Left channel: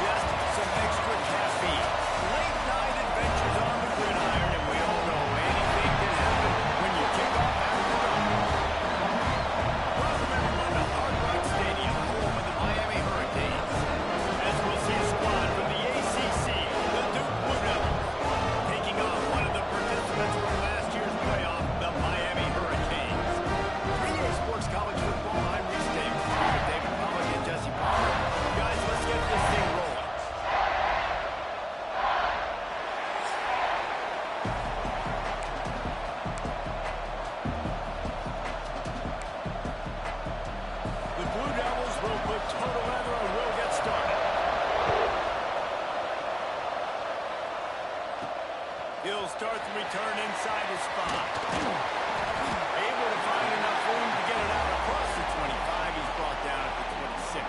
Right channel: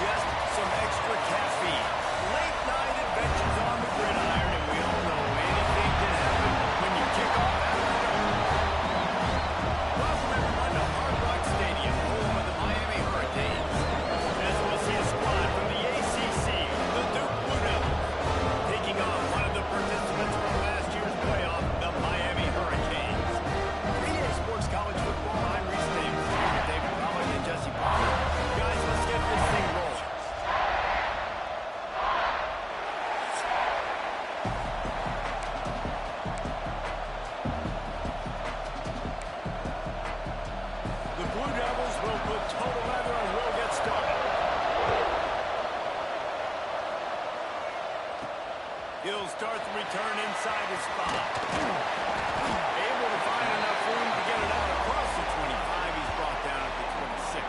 just some extra caffeine. Late night adventures on the gridiron, and we all know anything can happen when you kick off after dark. Welcome everyone to Hard Rock Stadium, home of the Miami Hurricanes. As we'll see a squad from the ACC, the Duke Blue Devils, taking on one of the participants from last year's playoff, the Miami Hurricanes. 3A Sports College Football, I'm Reese Davis, here with David Pollock and Jesse Palmer. Guys, let's get this thing rolling. The Blue Devils will put total leather and we'll get started. He'll start the return inside his 5. Able to find enough room to get it out across the 25. He's brought down at the 26.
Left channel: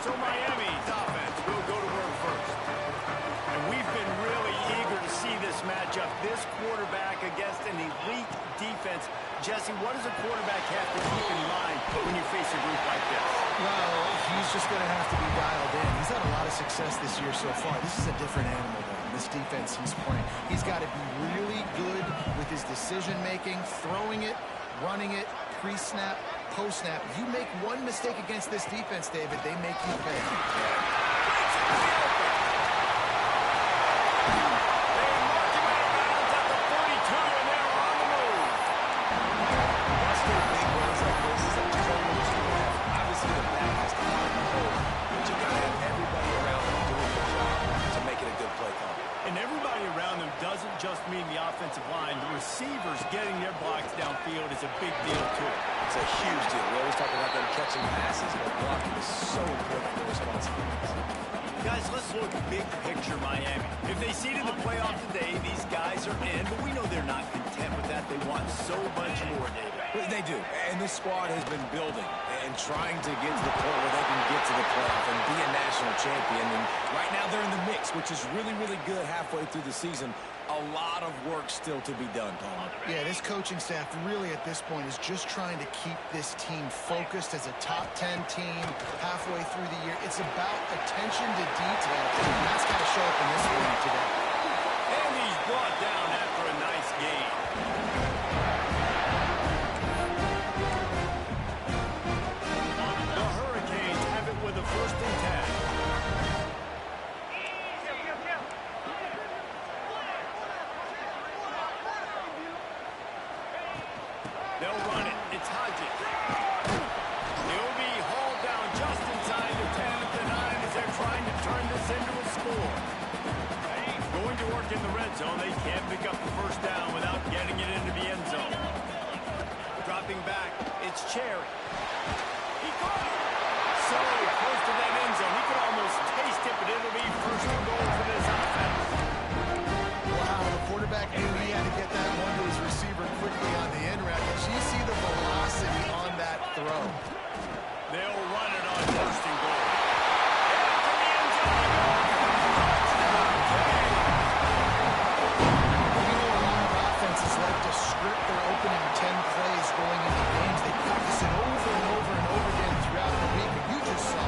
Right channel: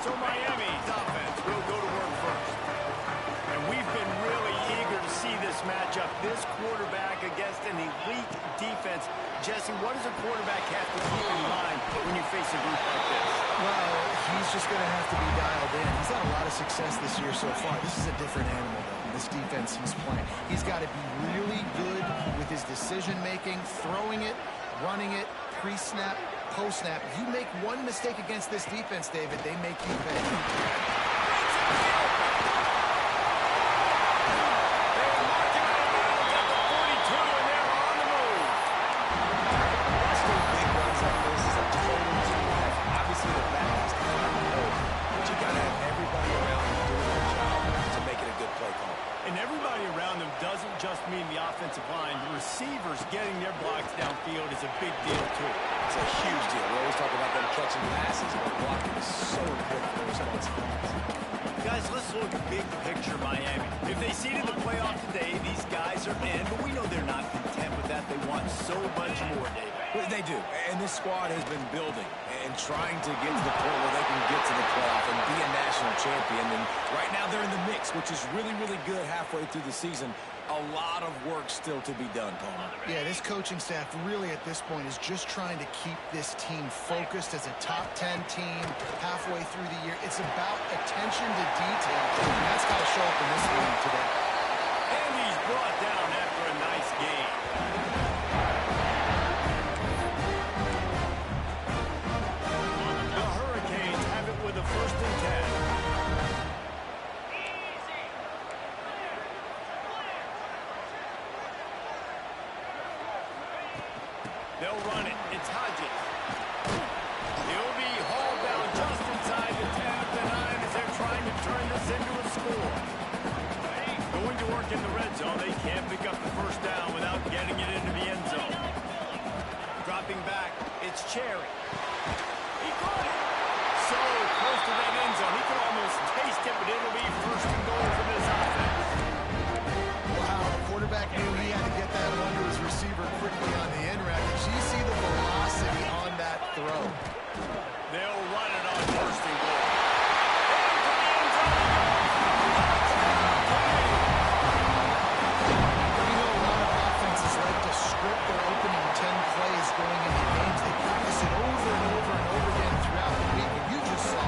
So Miami's offense will go to work first. And we've been really eager to see this matchup. This quarterback against an elite defense. Jesse, what does a quarterback have to keep in mind when you face a group like this? Well, he's just going to have to be dialed in. He's had a lot of success this year so far. This is a different animal, though. This defense he's playing. He's got to be really good with his decision-making, throwing it, running it, pre-snap, post-snap. You make one mistake against this defense, David, they make you pay. Breaks into the open. They mark him out of bounds at the 42, and they're on the move. Busting big runs like this is a total team effort. Obviously, the back has to find the hole, but you got to have everybody around him doing their job to make it a good play call. And everybody around them doesn't just mean the offensive line. The receivers getting their blocks downfield is a big deal, too. It's a huge deal. We always talk about them catching passes, but blocking is so important for responsibilities. Guys, let's look big picture Miami. If they seeded the playoff today, these guys are in, but we know they're not content with that. They want so much more, David. Well, they do, and this squad has been building and trying to get to the point where they can get to the playoff and be a national champion. And right now they're in the mix, which is really, really good halfway through the season. A lot of work still to be done, Palmer. Yeah, this coaching staff really at this point is just trying to keep this team focused as a top 10 team halfway through the year. It's about attention to detail, and that's got to show up in this one today. And he's brought down after a nice game. The Hurricanes have it with a 1st and 10. They'll run it. It's Hodges. He'll be hauled down just inside the 10 at the 9 as they're trying to turn this into a score. Going to work in the red zone. They can't pick up the 1st down without getting it into the end zone. Dropping back. It's Cherry. He caught it. So close to that end zone. He could almost taste it, but it'll be 1st and goal for this offense. Wow, the quarterback knew he had to get that one to his receiver quickly on the in route. Did you see the velocity on that throw? They'll run it on 1st and goal. Into the end zone he goes. Touchdown, King! We know a lot of offenses like to script their opening 10 plays going into games. They practice it over and over and over again throughout the week, and you just saw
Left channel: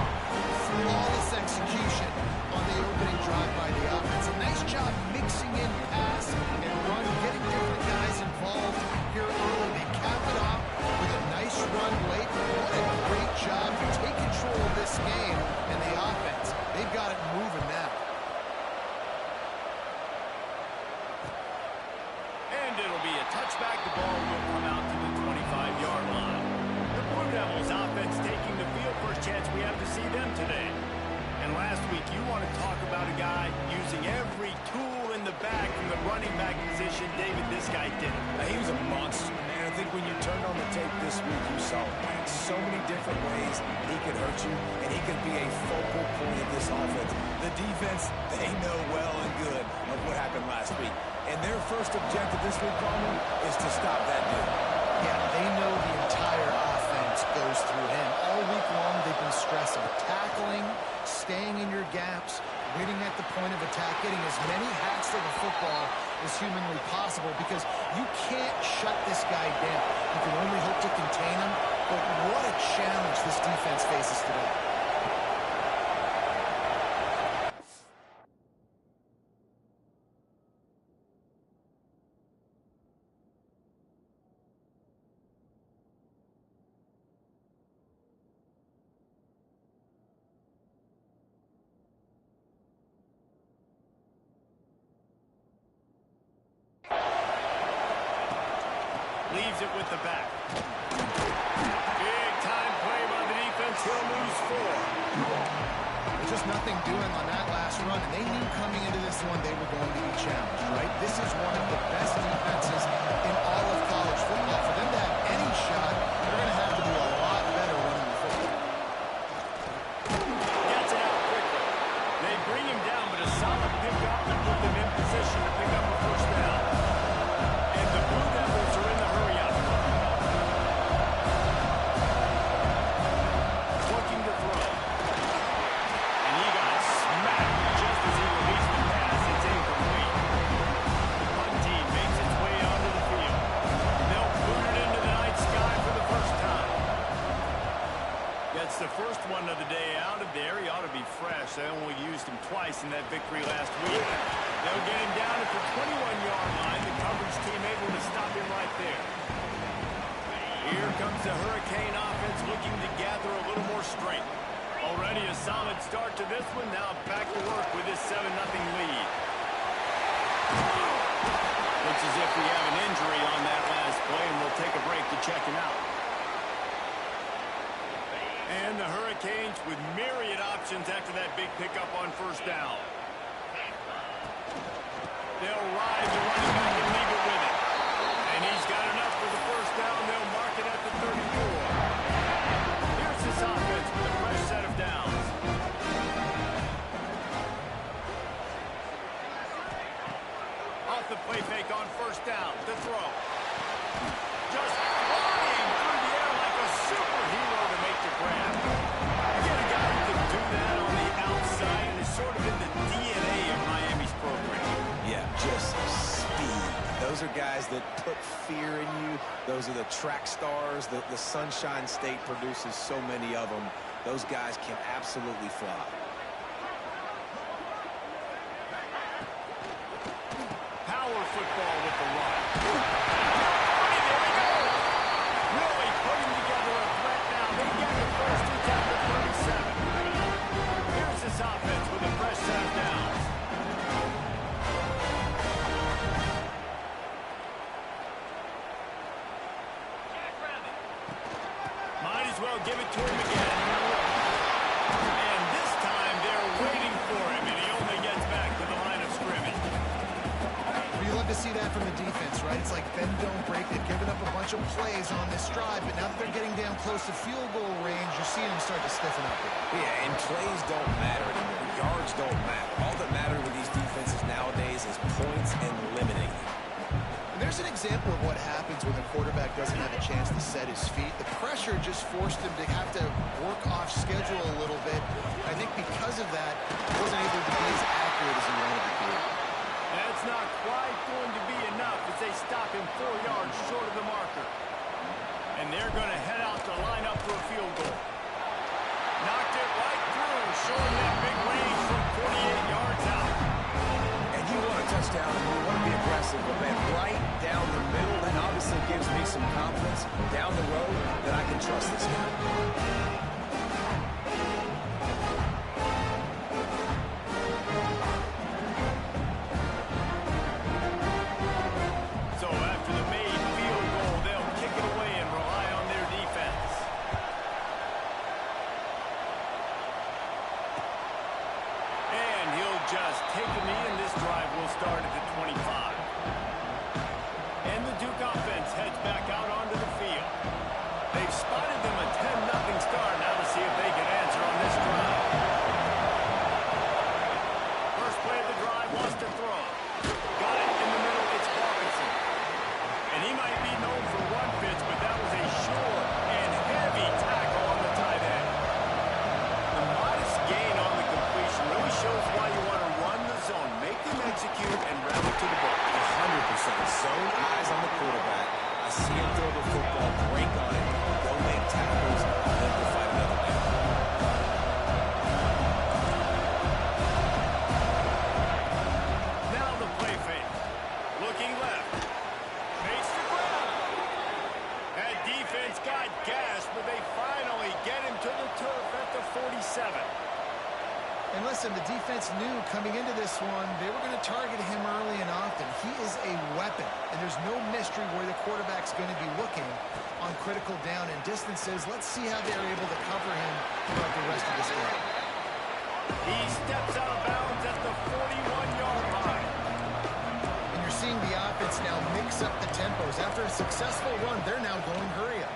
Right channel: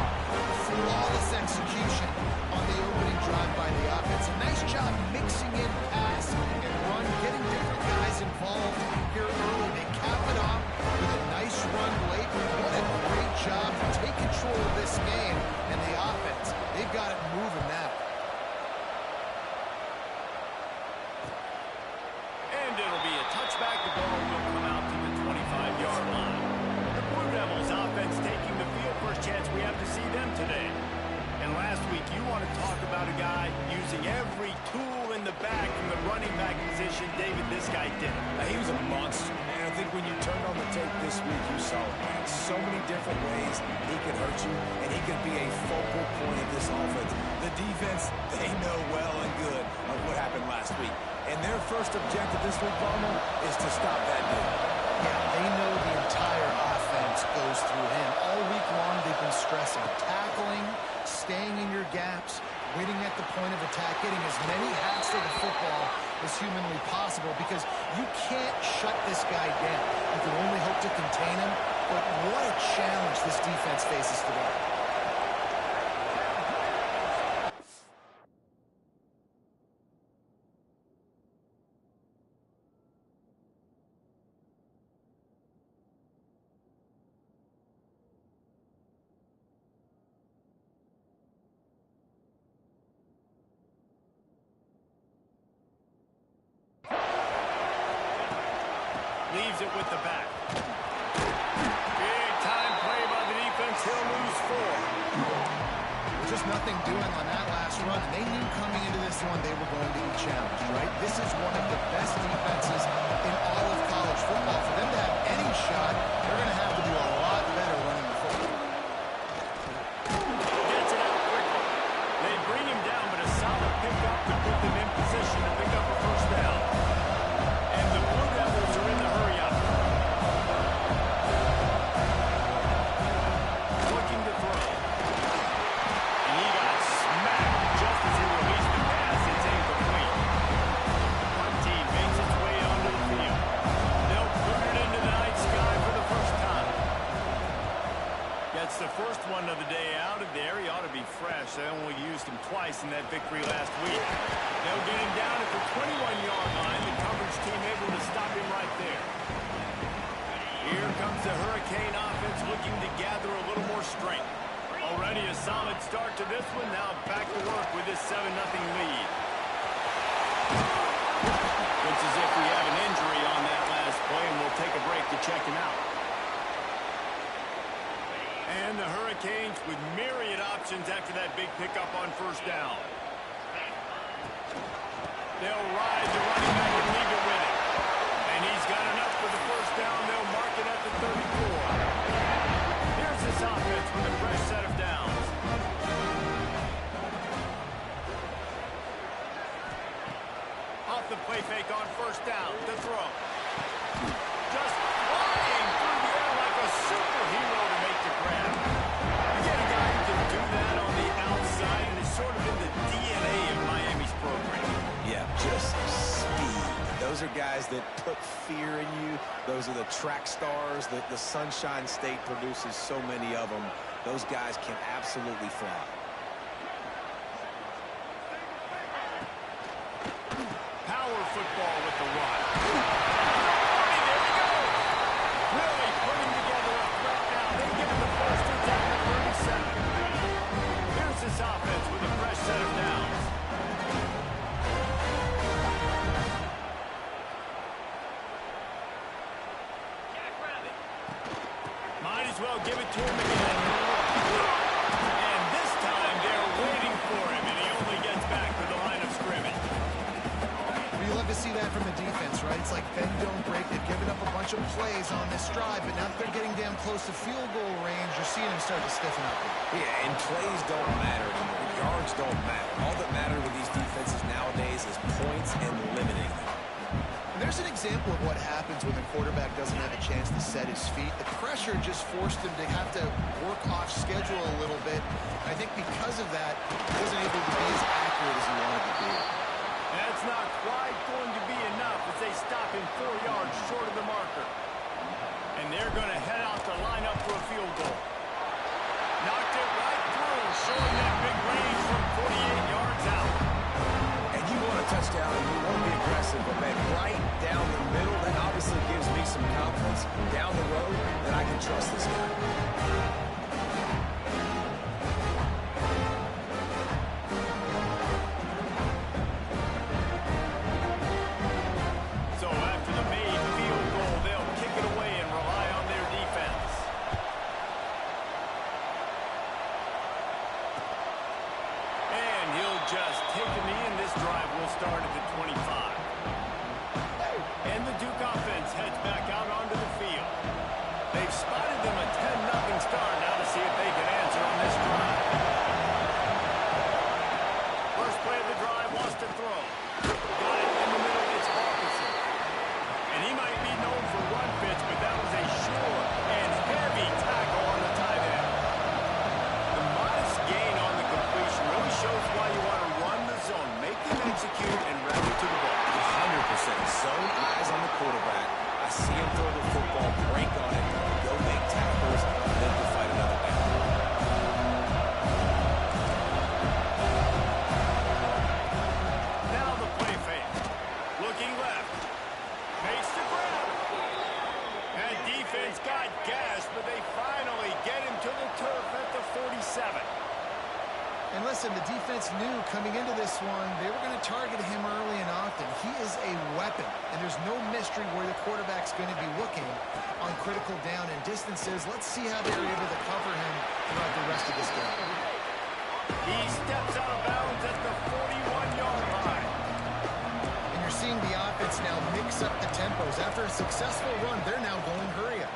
flawless execution on the opening drive by the offense. A nice job mixing in pass and run, getting different guys involved here early. They cap it off with a nice run late. What a great job to take control of this game. And the offense, they've got it moving now. And it'll be a touchback. The ball will come out to the 25-yard line. The Blue Devils offense taking the field. First chance we have to see them today. And last week, you want to talk about a guy using every tool in the back from the running back position. David, this guy did it. He was a monster, and I think when you turned on the tape this week, you saw it, man. So many different ways he could hurt you, and he could be a focal point of this offense. The defense, they know well and good of what happened last week. And their first objective this week, Palmer, is to stop that dude. Yeah, they know the entire offense goes through him. All week long, they've been stressing tackling, staying in your gaps, winning at the point of attack, getting as many hacks to the football as humanly possible, because you can't shut this guy down. You can only hope to contain him, but what a challenge this defense faces today. Leaves it with the back. Big time play by the defense. He'll lose 4. There's just nothing doing on that last run, and they knew coming into this one they were going to be challenged, right? This is one of the best defenses in all of college football. For them to have any shot, they're going to have to do a lot better running the football. Gets it out quickly. They bring him down, but a solid pickup to put them in position to pick up a first down. And the Blue Devils are in the hurry-up. Looking to throw. And he got smacked just as he released the pass. It's incomplete. The punt team makes its way onto the field. They'll boot it into the night sky for the first time. Gets the first one of the day out of there. He ought to be fresh. They only used him twice in that victory last week. They'll get him down at the 21-yard line. The coverage team able to stop him right there. Here comes the Hurricane offense looking to gather a little more strength. Already a solid start to this one. Now back to work with this 7-0 lead. Looks as if we have an injury on that last play, and we'll take a break to check him out. And the Hurricanes with myriad options after that big pickup on first down. They'll ride the running back and leave it with him. And he's got enough for the first down. They'll mark it at the 34. Here's this offense with a fresh set of downs. Off the play fake on first down to throw. Just flying through the air like a superhero to make the grab. You get a guy who can do that on the outside, and it's sort of in the DNA of Miami's program. Yeah, just speed. Those are guys that put fear in you. Those are the track stars. The Sunshine State produces so many of them. Those guys can absolutely fly. Power football with the run. There he goes. Really putting together a threat now. They get the first. It's at the 37. Here's this offense with a fresh set of downs. Might as well give it to him again. And this time they're waiting for him, and he only gets back to the line of scrimmage. Well, you love to see that from the defense, right? It's like bend, don't break. They've given up a bunch of plays on this drive, but now that they're getting damn close to field goal range, you're seeing them start to stiffen up here. Yeah, and plays don't matter anymore. Yards don't matter. All that matters with these defenses nowadays is points and limiting them. And there's an example of what happens when the quarterback doesn't have a chance to set his feet. The pressure just forced him to have to work off schedule a little bit. I think because of that, he wasn't able to be as accurate as he wanted to be. That's not quite going to be enough as they stop him 4 yards short of the marker. And they're going to head out to line up for a field goal. Knocked it right through, showing that big range from 48 yards out. And you want a touchdown and you want to be aggressive, but man, right down the middle, that obviously gives me some confidence down the road that I can trust this guy. So after the made field goal, they'll kick it away and rely on their defense. And he'll just take a knee, and this drive will start at the 25. And the Duke offense heads back out onto the field. They've spotted them a 10-0 start. Now to see if they can answer on this drive. First play of the drive, wants to throw. Got it in the middle, it's Hawkinson. And he might be known for run fits, but that was a sure and heavy tackle on the tight end. The modest gain on the completion really shows why you want to run the zone, make them execute, and route it to the ball. 100%. Zone eyes on the quarterback. I see him throw the football, break on it, go make tackles, and then to fight another down. Now the play fake. Looking left. Makes the grab. That defense got gashed, but they finally get him to the turf at the 47. And listen, the defense knew coming into this one, they were going to target him early and often. He is a weapon, and there's no mystery where the quarterback's going to be looking on critical down and distances. Let's see how they're able to cover him throughout the rest of this game. He steps out of bounds at the 41-yard line. And you're seeing the offense now mix up the tempos. After a successful run, they're now going hurry up.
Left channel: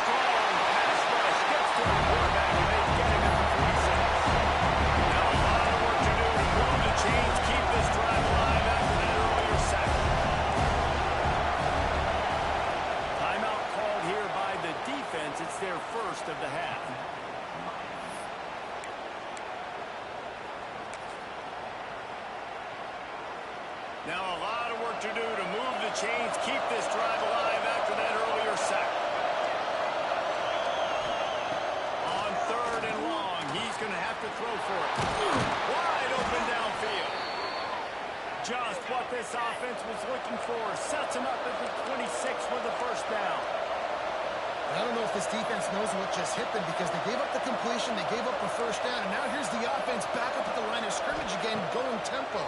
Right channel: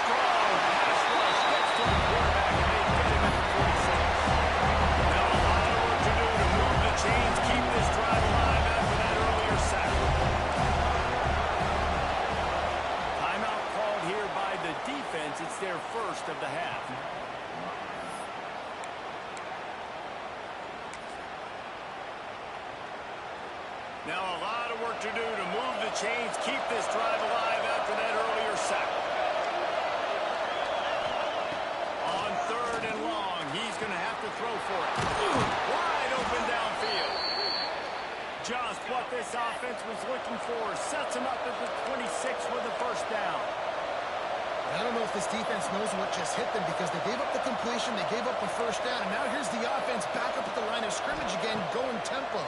Strong pass rush gets to the quarterback, and they get him at the 46. Now a lot of work to do to move the chains, keep this drive alive after that earlier sack. Timeout called here by the defense. It's their first of the half. Now a lot of work to do to move the chains, keep this drive alive after that earlier sack. On 3rd and long, he's going to have to throw for it. Wide open downfield. Just what this offense was looking for. Sets him up at the 26 with a first down. And I don't know if this defense knows what just hit them because they gave up the completion, they gave up a first down, and now here's the offense back up at the line of scrimmage again, going tempo.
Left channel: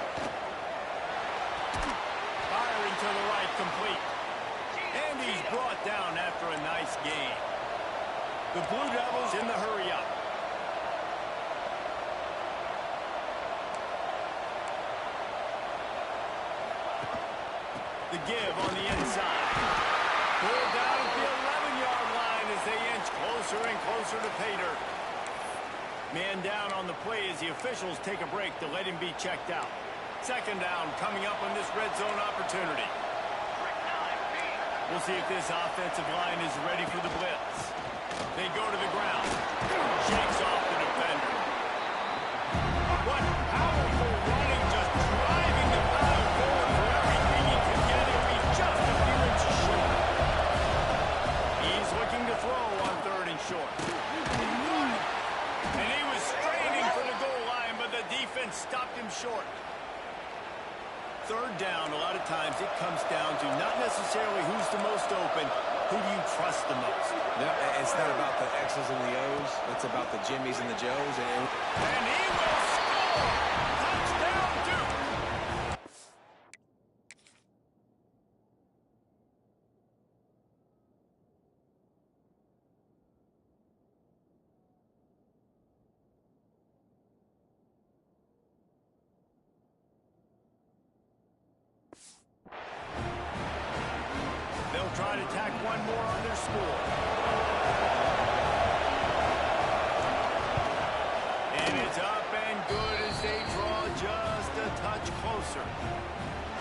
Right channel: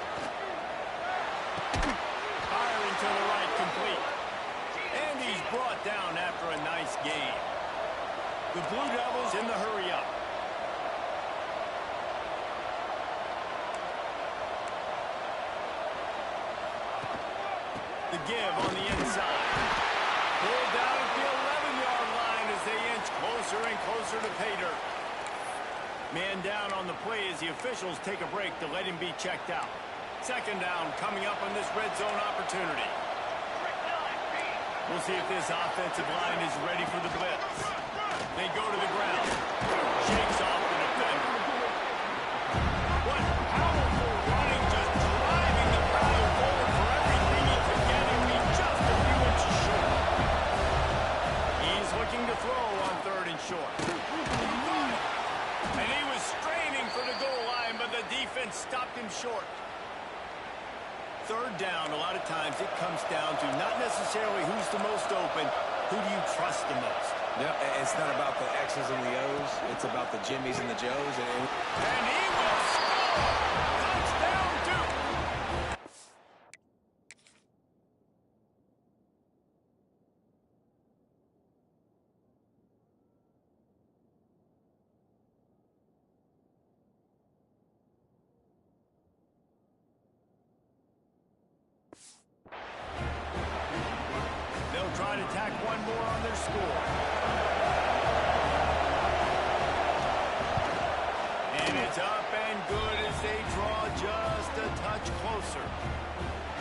Firing to the right, complete. And he's brought down after a nice gain. The Blue Devils in the hurry up. The give on the inside. Pulled down at the 11-yard line as they inch closer and closer to pay dirt. Man down on the play as the officials take a break to let him be checked out. Second down coming up on this red zone opportunity. We'll see if this offensive line is ready for the blitz. They go to the ground. Shakes off the defender. What powerful running, just driving the pile forward for everything he could get him. He's just a few inches short. He's looking to throw on 3rd and short. And he was straining for the goal line, but the defense stopped him short. 3rd down, a lot of times it comes down to not necessarily who's the most open, who do you trust the most? Yeah, it's not about the X's and the O's. It's about the Jimmies and the Joes. And he will score! Touchdown, Duke! They'll try to tack one more on their score. And it's up and good as they draw just a touch closer.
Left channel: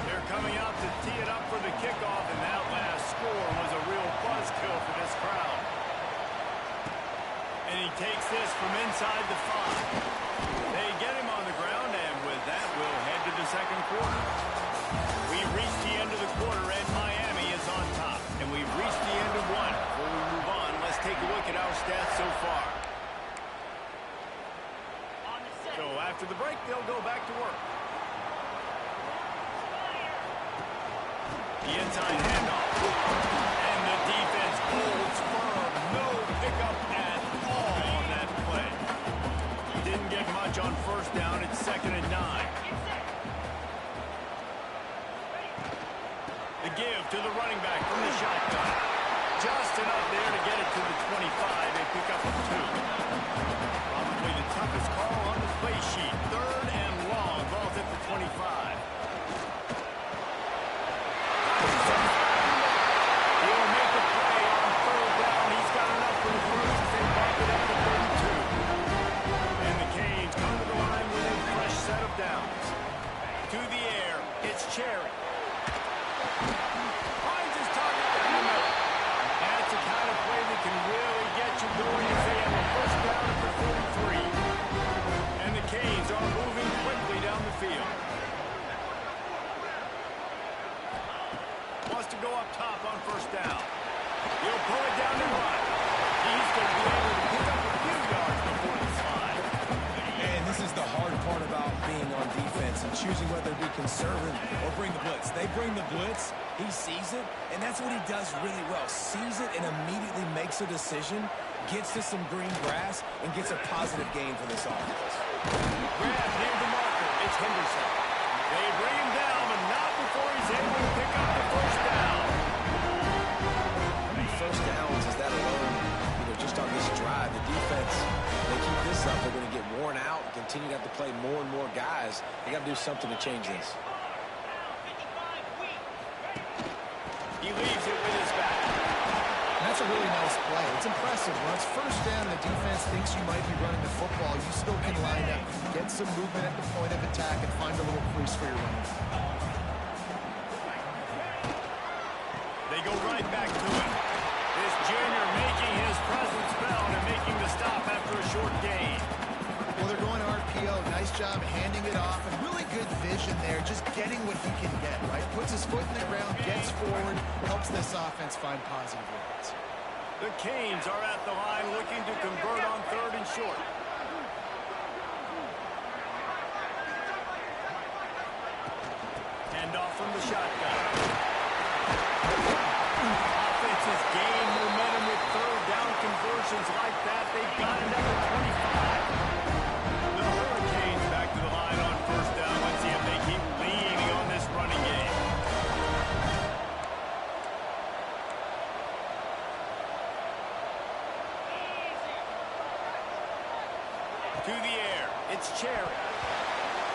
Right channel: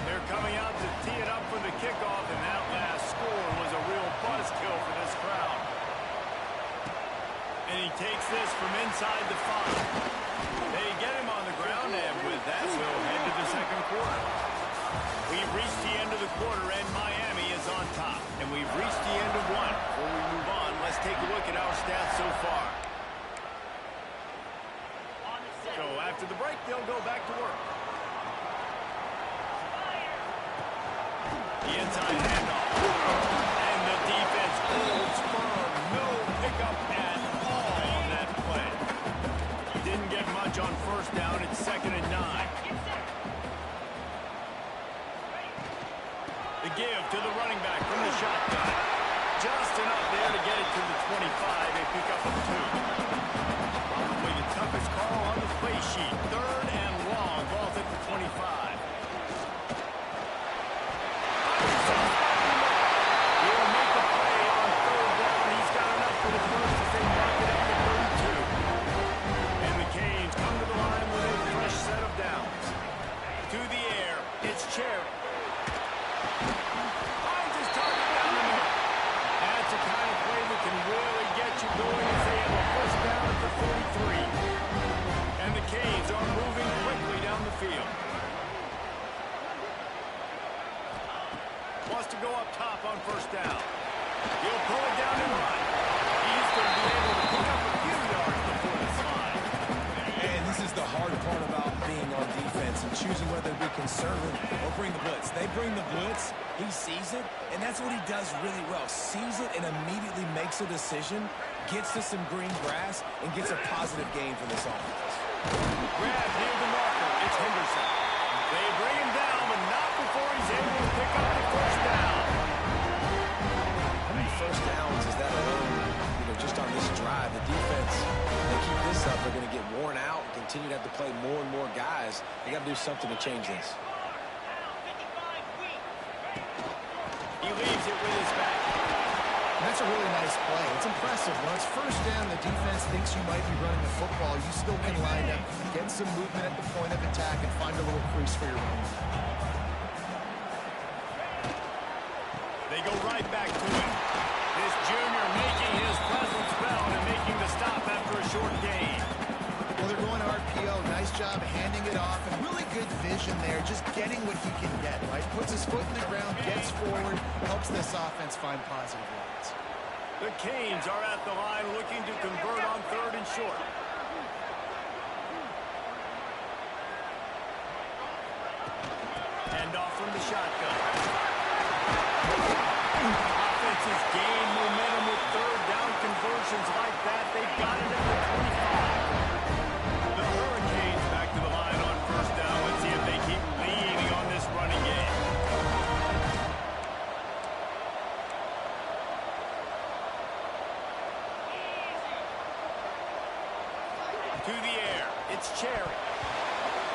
They're coming out to tee it up for the kickoff, and that last score was a real buzzkill for this crowd. And he takes this from inside the 5. They get him on the ground, and with that, we'll head to the second quarter. We've reached the end of the quarter, and Miami is on top. And we've reached the end of one. Before we move on, let's take a look at our stats so far. So after the break, they'll go back to work. The inside handoff. And the defense holds firm. No pickup at all on that play. Didn't get much on first down. It's 2nd and 9. The give to the running back from the shotgun. Just enough there to get it to the 25. They pick up a 2. Probably the toughest call on the play sheet. 3rd and long. Ball's at the 25. He'll make a play on 3rd down. He's got enough for the first as they mark it up to 32. And the Canes come to the line with a fresh set of downs. To the air, it's Cherry. Finds his target down the middle. That's the kind of play that can really get you going as they have a first down at the 43. And the Canes are moving quickly down the field. Wants to go up top on first down. He'll pull it down and run. He's going to be able to pick up a few yards before the slide. And this is the hard part about being on defense. defense and choosing whether to be conservative or bring the blitz. They bring the blitz, he sees it, and that's what he does really well. Sees it and immediately makes a decision, gets to some green grass, and gets a positive gain for this offense. Grab near the marker. It's Henderson. They bring him down, but not before he's able to pick up the first down. How many first downs is that alone? Just on this drive, the defense, they keep this up, they're going to get worn out, continue to have to play more and more guys. They got to do something to change this. He leaves it with his back. That's a really nice play. It's impressive. When it's first down, the defense thinks you might be running the football. You still can line up, get some movement at the point of attack, and find a little crease for your running. They go right back to it. This junior making his presence felt and making the stop after a short gain. Well, they're going RPO. Nice job handing it off, and really good vision there, just getting what he can get, right? Puts his foot in the ground, gets forward, helps this offense find positive yards. The Canes are at the line looking to convert on 3rd and short. Hand off from the shotgun. Offenses gain momentum with 3rd down conversions like that. They've got it at the 25. The Hurricanes back to the line on 1st down. Let's see if they keep leaning on this running game. To the air. It's Cherry.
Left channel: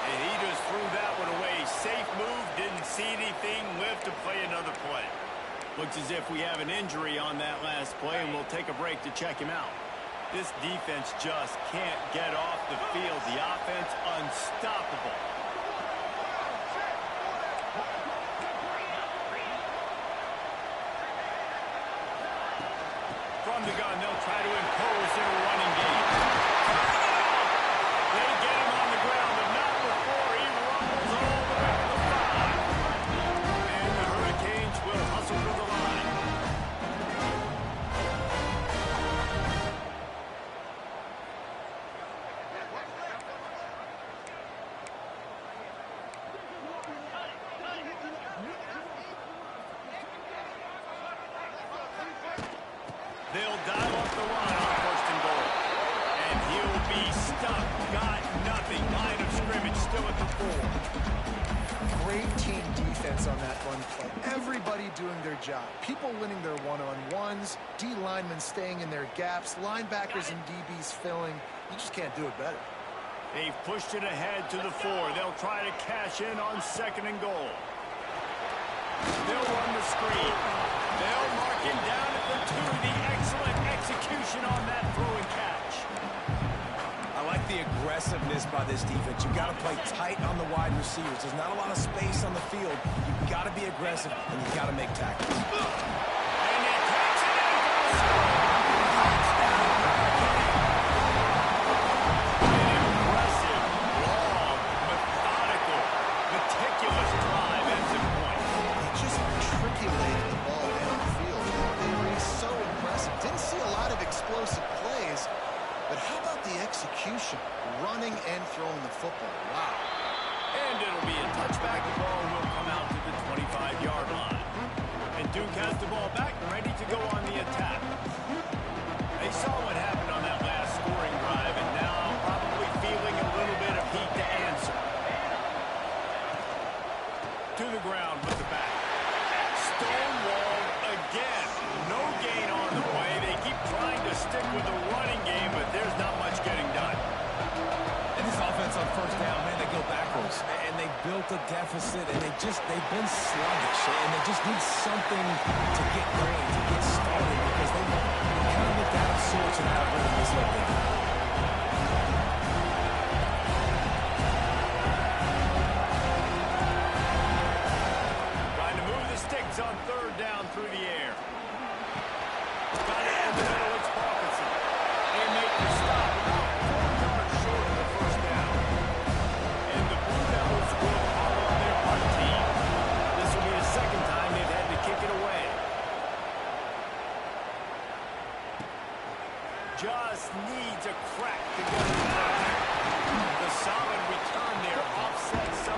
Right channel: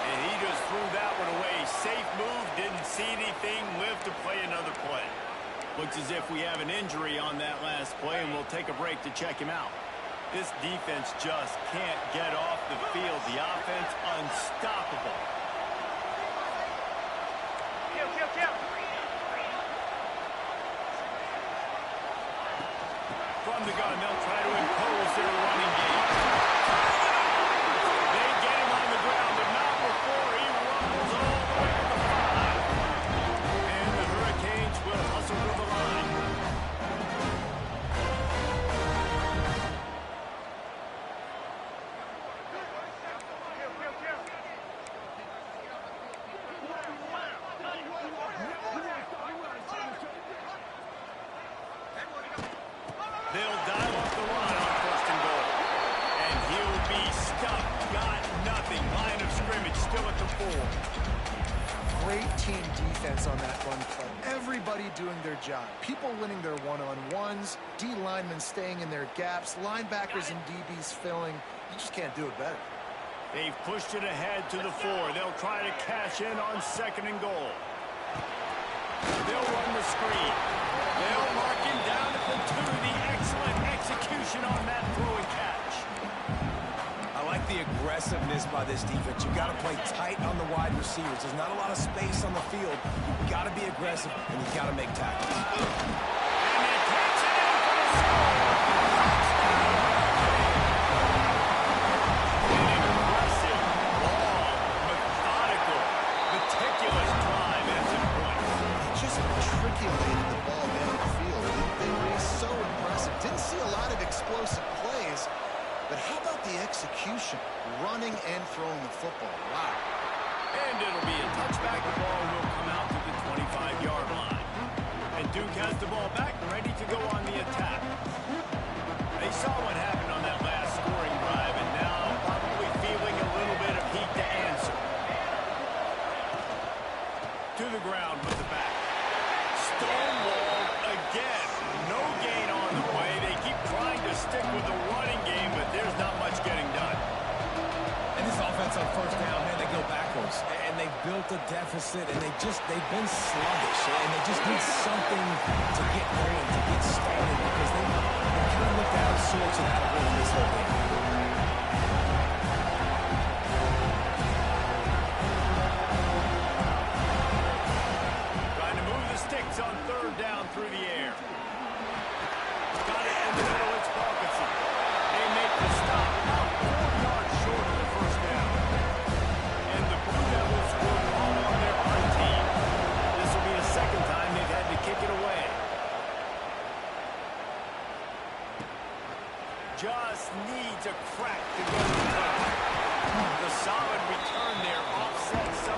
And he just threw that one away. Safe move. Didn't see anything. Lived to play another play. Looks as if we have an injury on that last play, and we'll take a break to check him out. This defense just can't get off the field. The offense unstoppable. From the gun, they'll try to impose their running game. They get him on the ground, but not before he rumbles all the way to the 5. And the Hurricanes will hustle to the line. They'll dial up the run on 1st and goal. And he'll be stuck. Got nothing. Line of scrimmage still at the 4. Great team defense on that run play. Everybody doing their job. People winning their one-on-ones, D linemen staying in their gaps, linebackers and DBs filling. You just can't do it better. They've pushed it ahead to the 4. They'll try to cash in on 2nd and goal. They'll run the screen. They'll mark him down at the 2. The excellent execution on that throw and catch. I like the aggressiveness by this defense. You've got to play tight on the wide receivers. There's not a lot of space on the field. You've got to be aggressive, and you've got to make tackles. And he takes it in for the score. Touchdown, Hurricane. An impressive, long, methodical, meticulous drive ends in points. They just matriculated the ball downfield. They were so impressive. Didn't see a lot of explosive plays. But how about the execution? Running and throwing the football. Wow. And it'll be a touchback. The ball will come out to the 25-yard line. And Duke has the ball back, ready to go on the attack. They saw what happened on that last scoring drive, and now probably feeling a little bit of heat to answer. To the ground with the back. Stonewalled again. No gain on the play. They keep trying to stick with the running game, but there's not much getting done. And this offense on 1st down, man, they go backwards. And they built a deficit, and they've been sluggish. And they just need something to get going, to get started, because they kind of looked out of sorts and out of rhythm this whole game. Trying to move the sticks on 3rd down through the air. Got it in the middle, it's Parkinson. They make the stop about 4 yards short of the 1st down. And the Blue Devils will call on their punt team. This will be the 2nd time they've had to kick it away. Just needs a crack to go to the turn. The solid return there offsets some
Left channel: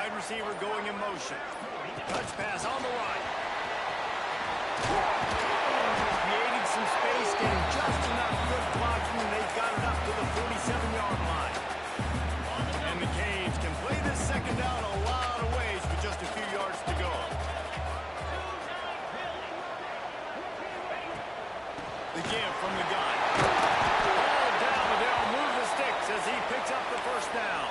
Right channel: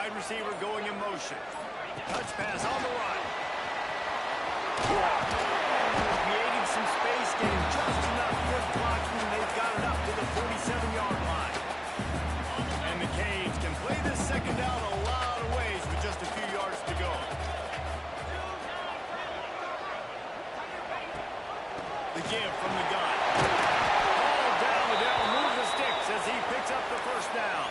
wide receiver going in motion. Touch pass on the run. Creating some space, getting just enough good blocking, and they've got it up to the 47-yard line. And the Canes can play this second down a lot of ways with just a few yards to go. The give from the gun. All down, Liddell move the sticks as he picks up the first down.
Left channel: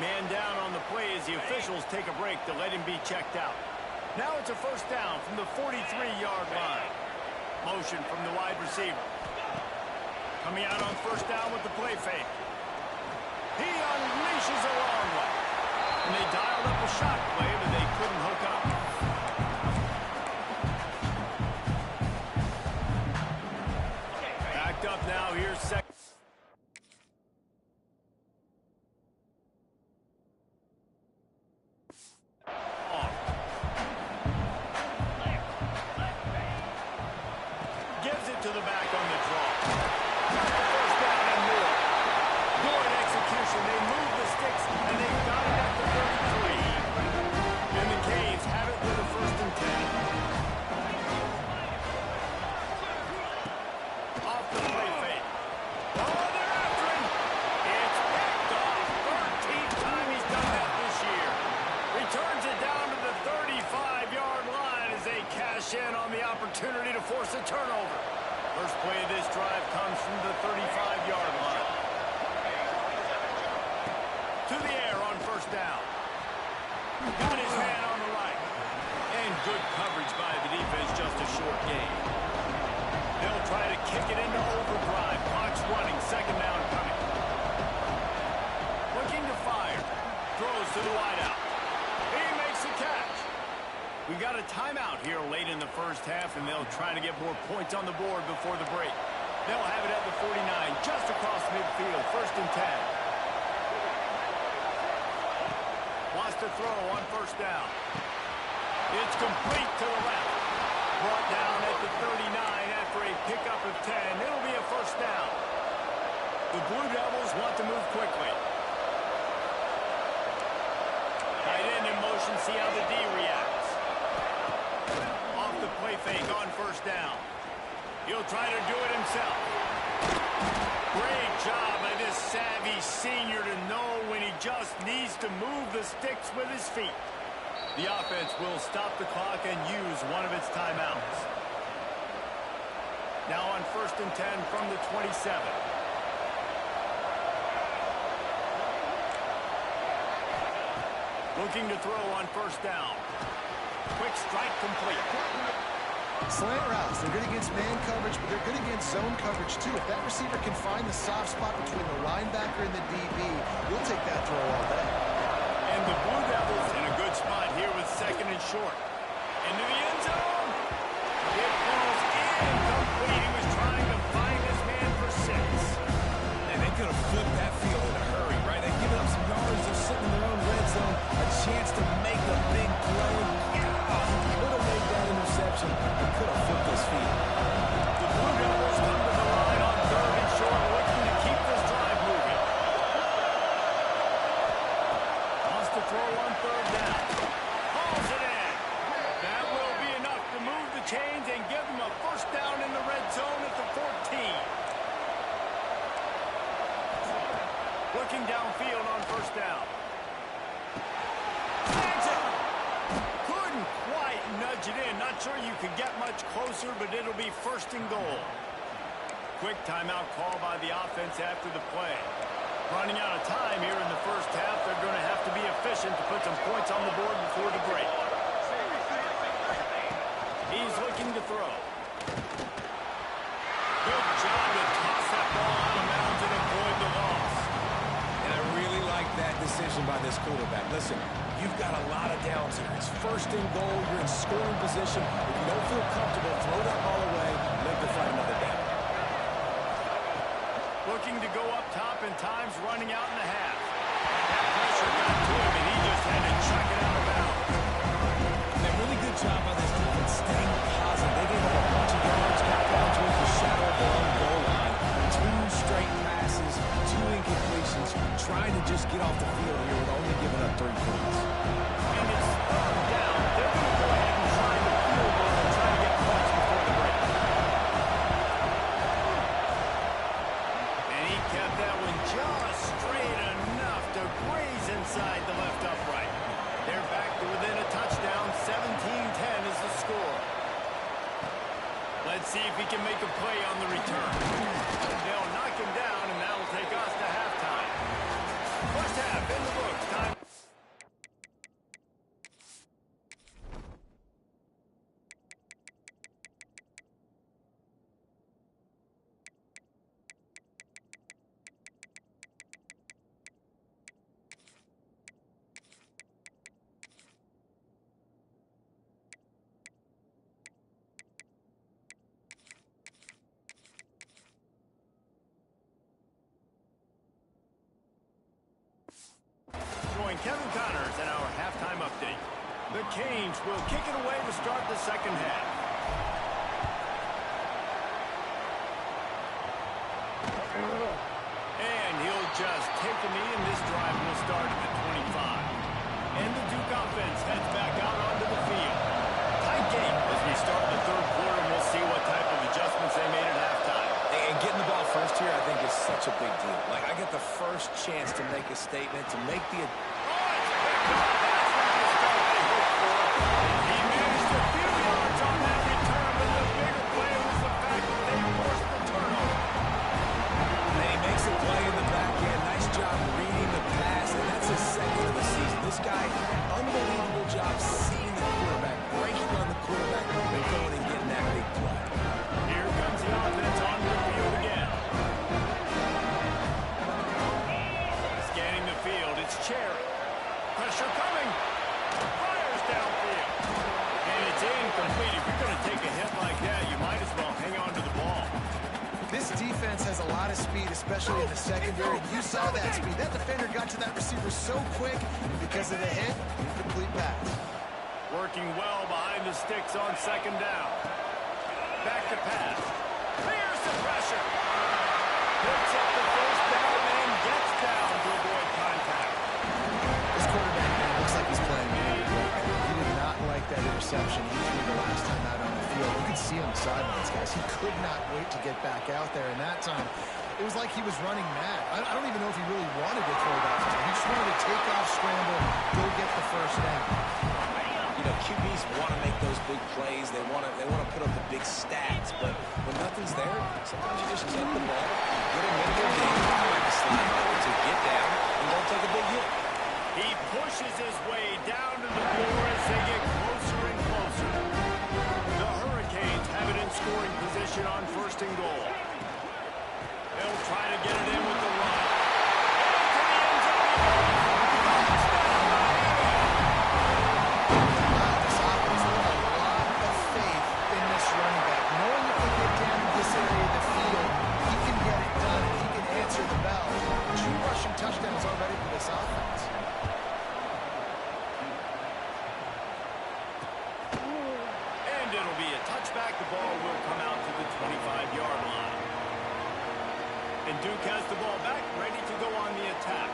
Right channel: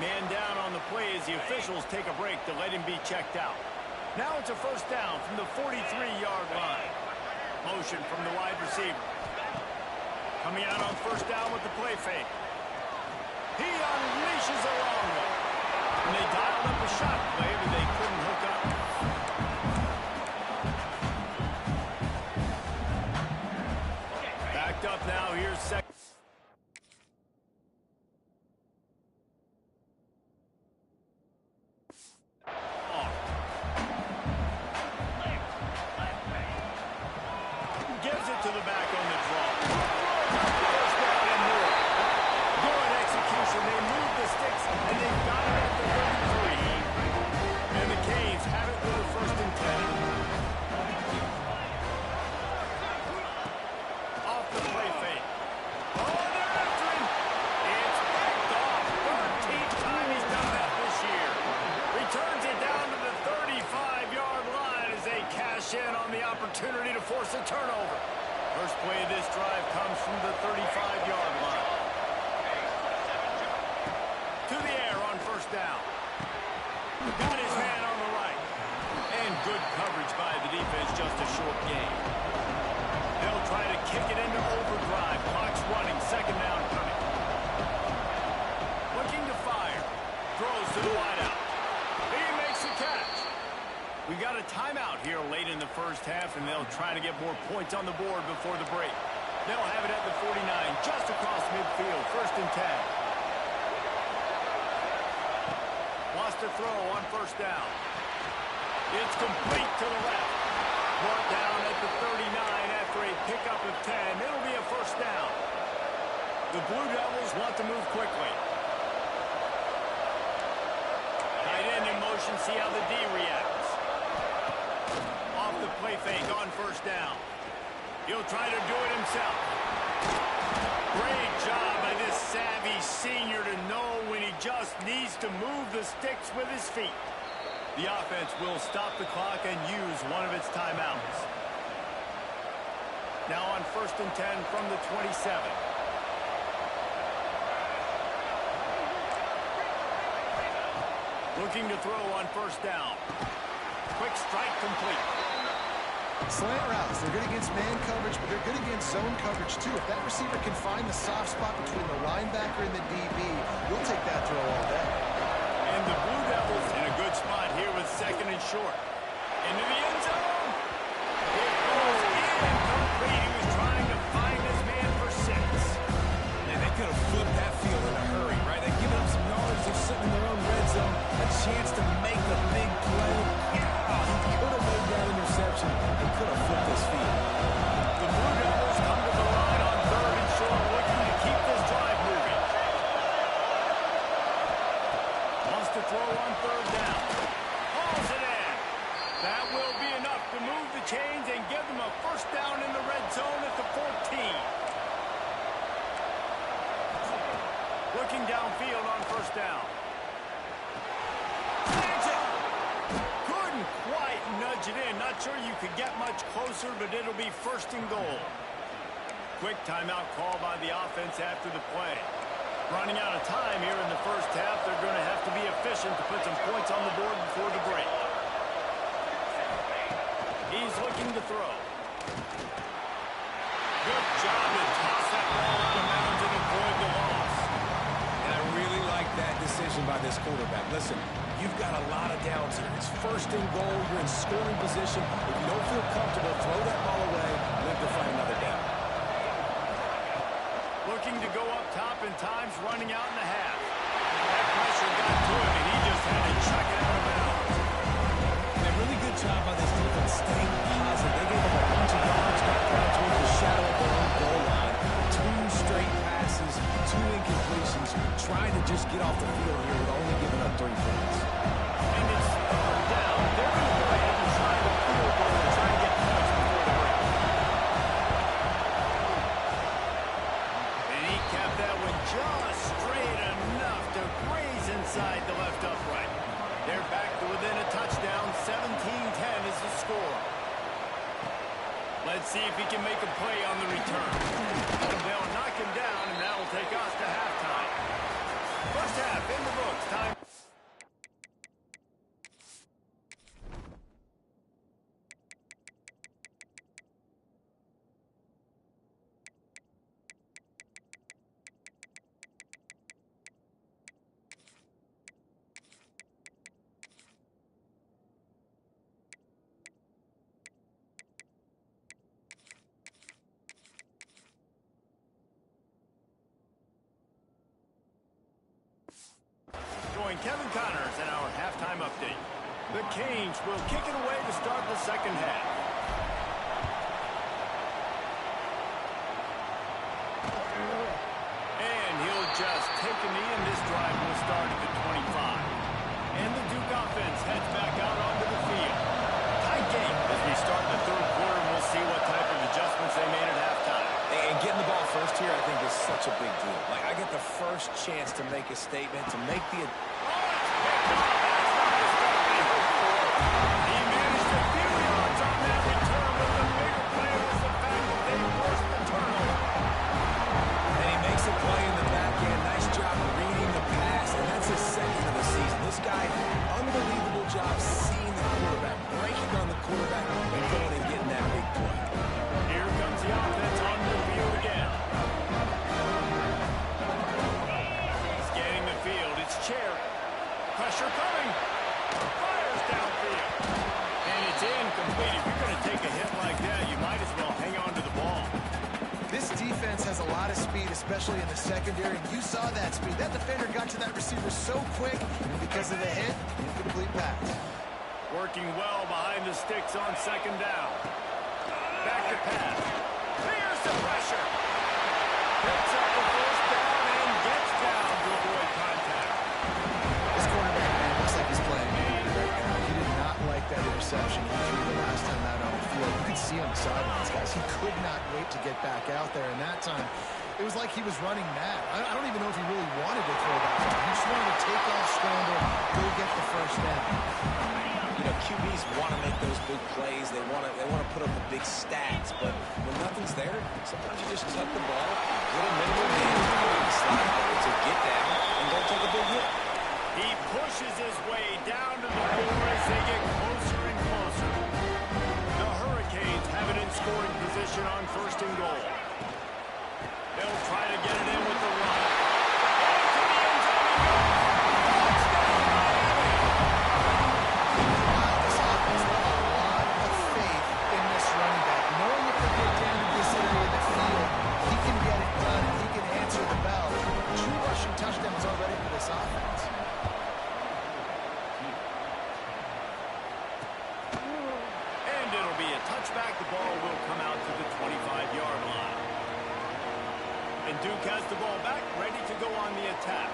Man down on the play as the officials take a break to let him be checked out. Now it's a first down from the 43-yard line. Motion from the wide receiver. Coming out on first down with the play fake. He unleashes a long one. And they dialed up a shot play, but they couldn't hook up. Backed up now, here's second. Gives it to the back on the draw. Got the first down and more. Good execution. They move the sticks, and they've got it at the 33. And the Canes have it with a first and 10. Off the play fake. Oh, they're after him. It's picked off. 13th time he's done that this year. Returns it down to the 35-yard line as they cash in on the opportunity to force a turnover. First play of this drive comes from the 35-yard line. To the air on first down. Got his man on the right. And good coverage by the defense, just a short gain. They'll try to kick it into overdrive. Clock's running, second down coming. Looking to fire. Throws to the wideout. He makes the catch. We got a timeout here late in the first half, and they'll try to get more points on the board before the break. They'll have it at the 49, just across midfield, first and 10. Wants to throw on first down. It's complete to the left. Brought down at the 39 after a pickup of 10. It'll be a first down. The Blue Devils want to move quickly. Tight end in motion, see how the D reacts. Off the play fake on first down. He'll try to do it himself. Great job by this savvy senior to know when he just needs to move the sticks with his feet. The offense will stop the clock and use one of its timeouts. Now on first and 10 from the 27. Looking to throw on first down. Quick strike complete. Slant routes, they're good against man coverage, but they're good against zone coverage too. If that receiver can find the soft spot between the linebacker and the DB, you'll take that throw all day. And the Blue Devils in a good spot here with second and short. Into the end zone. It falls incomplete. He was trying to find his man for 6. And they could have flipped that field in a hurry, right? They've given up some yards. They're sitting in their own red zone. A chance to make a big play. Yeah, he could have made that interception and could have flipped this field. The Blue Devils come to the line on third and short, looking to keep this drive moving. Wants to throw on third down. Hauls it in. That will be enough to move the chains and give them a first down in the red zone at the 14. Looking downfield on first down. Snags it. Couldn't quite nudge it in. Not sure you could get much closer, but it'll be first and goal. Quick timeout call by the offense after the play. Running out of time here in the first half. They're going to have to be efficient to put some points on the board before the break. He's looking to throw. Good job to toss that ball out of bounds and avoid the loss. And I really like that decision by this quarterback. Listen, you've got a lot of downs here. It's first and goal. You're in scoring position. If you don't feel comfortable, throw that ball away. Live to fight another down. Looking to go up top and times running out in the half. That pressure got to him, and he just had to chuck it out of bounds. And a really good job by this defense staying positive. They gave up a bunch of yards, got down towards the shadow of their own goal line. 2 straight passes, 2 incompletions, trying to just get off the field here with only giving up 3 points. And it's third down. They're going to go ahead and try the field goal and try to get points before the break. And he kept that one just straight enough to graze inside the left upright. They're back to within a touchdown. 17-10 is the score. Let's see if he can make a play on the return. They'll knock him down, and that'll take us to halftime. First half in the books. Time. Kevin Connors and our halftime update. The Canes will kick it away to start the second half. And he'll just take a knee, and this drive will start at the 25. And the Duke offense heads back out onto the field. Tight game as we start the third quarter, and we'll see what type of adjustments they made at halftime. And getting the ball first here, I think, is such a big deal. Like, I get the first chance to make a statement, to make the... No, that's not the start they hoped for. He managed a few yards on that return, but the bigger play was the fact that they forced the turnover. And he makes a play in the back end. Nice job reading the pass, and that's his second of the season. This guy, unbelievable job seeing the quarterback, breaking on the quarterback, and going and getting that big play. Here comes the offense on the field again. Scanning the field, it's Cherry. Pressure coming. Fires downfield. And it's incomplete. If you're going to take a hit like that, you might as well hang on to the ball. This defense has a lot of speed, especially in the secondary. You saw that speed. That defender got to that receiver so quick, and because of the hit, incomplete pass. Working well behind the sticks on second down. Back to pass. Clears the pressure. Picks up the first down and gets down to avoid contact. This quarterback, man, looks like he's playing right now. He did not like that interception he threw the last time out on the field. You could see on the sidelines, guys. He could not wait to get back out there, and that time, it was like he was running mad. I don't even know if he really wanted to throw that ball. He just wanted to take off, scramble, go get the first down. You know, QBs want to make those big plays. They want to put up the big stats, but when nothing's there, sometimes you just tuck the ball, get a minimal gain, like the slide over to get down, and don't take a big hit. He pushes his way down to the floor as they get closer and closer. The Hurricanes have it in scoring position on first and goal. They'll try to get it in with the run. Into the end zone he goes. Touchdown, Miami! Wow, this offense has a lot of faith in this running back. Knowing if they get down to this area of the field, he can get it done and he can answer the bell. 2 rushing touchdowns already for this offense. And it'll be a touchback. The ball will come out to the 25-yard line. And Duke has the ball back, ready to go on the attack.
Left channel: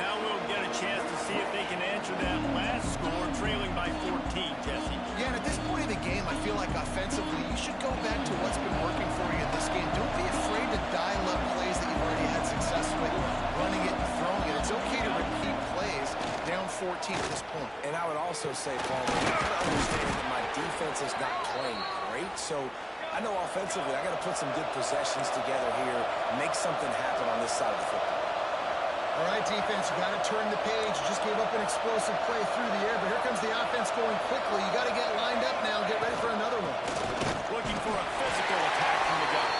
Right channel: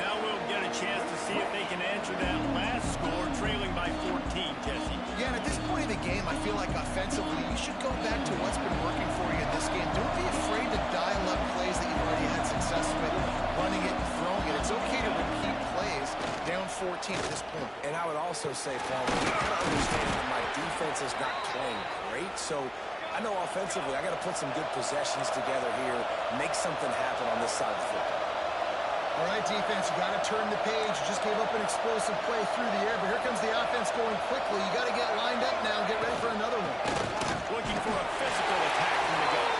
Now we'll get a chance to see if they can answer that last score, trailing by 14, Jesse. Yeah, and at this point in the game, I feel like offensively, you should go back to what's been working for you in this game. Don't be afraid to dial up plays that you've already had success with, running it and throwing it. It's okay to repeat plays down 14 at this point. And I would also say, Paul, you kind of understand that my defense is not playing great, so I know offensively I got to put some good possessions together here, make something happen on this side of the football. All right, defense, you got to turn the page. You just gave up an explosive play through the air, but here comes the offense going quickly. You got to get lined up now and get ready for another one. Looking for a physical attack from the gun.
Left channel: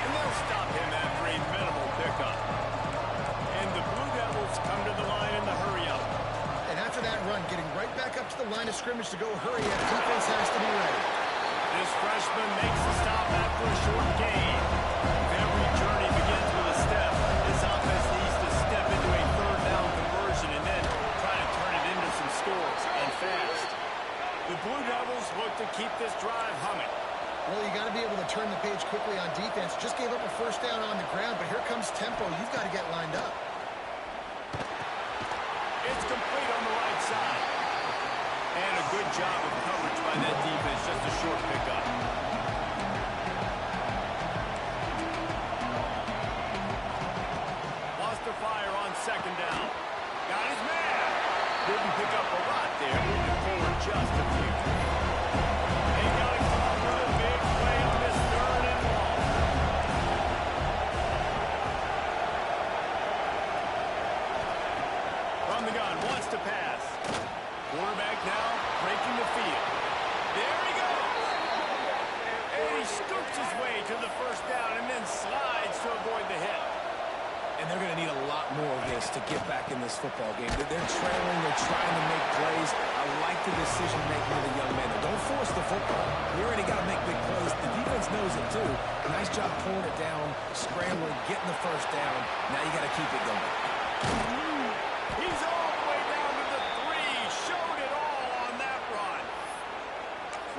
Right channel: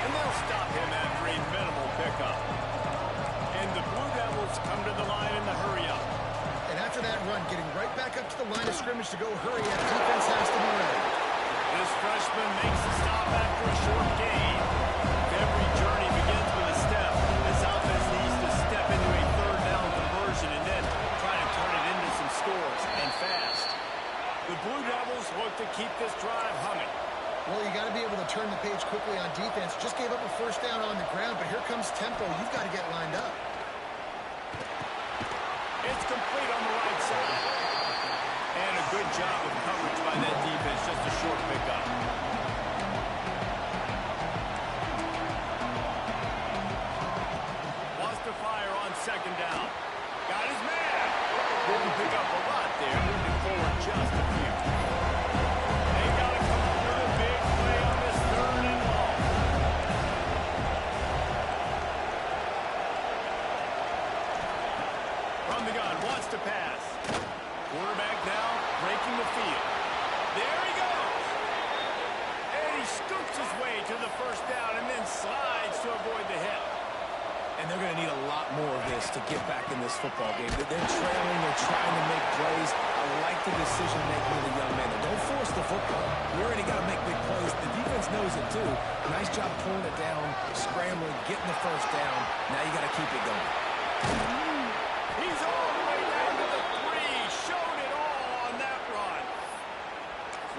And they'll stop him after a minimal pickup. And the Blue Devils come to the line in the hurry-up. And after that run, getting right back up to the line of scrimmage to go hurry up, defense has to be ready. This freshman makes the stop after a short gain. If every journey begins with a step, this offense needs to step into a third down conversion and then try to turn it into some scores, and fast. The Blue Devils look to keep this drive humming. Well, you got to be able to turn the page quickly on defense. Just gave up a first down on the ground, but here comes tempo. You've got to get lined up. It's complete on the right side. And a good job of coverage by that defense. Just a short pickup. Wants to fire on second down. Got his man. Didn't pick up a lot there. Moving forward just a few. They got to come up with a big play on this third and long. From the gun, wants to pass. Quarterback now breaking the field. There he goes. And he scoops his way to the first down and then slides to avoid the hit. And they're going to need a lot more of this to get back in this football game. They're trailing. They're trying to make plays. I like the decision-making of the young man. Don't force the football. We already got to make big plays. The defense knows it, too. Nice job pulling it down, scrambling, getting the first down. Now you got to keep it going. He's all the way down to the 3. Showed it all on that run.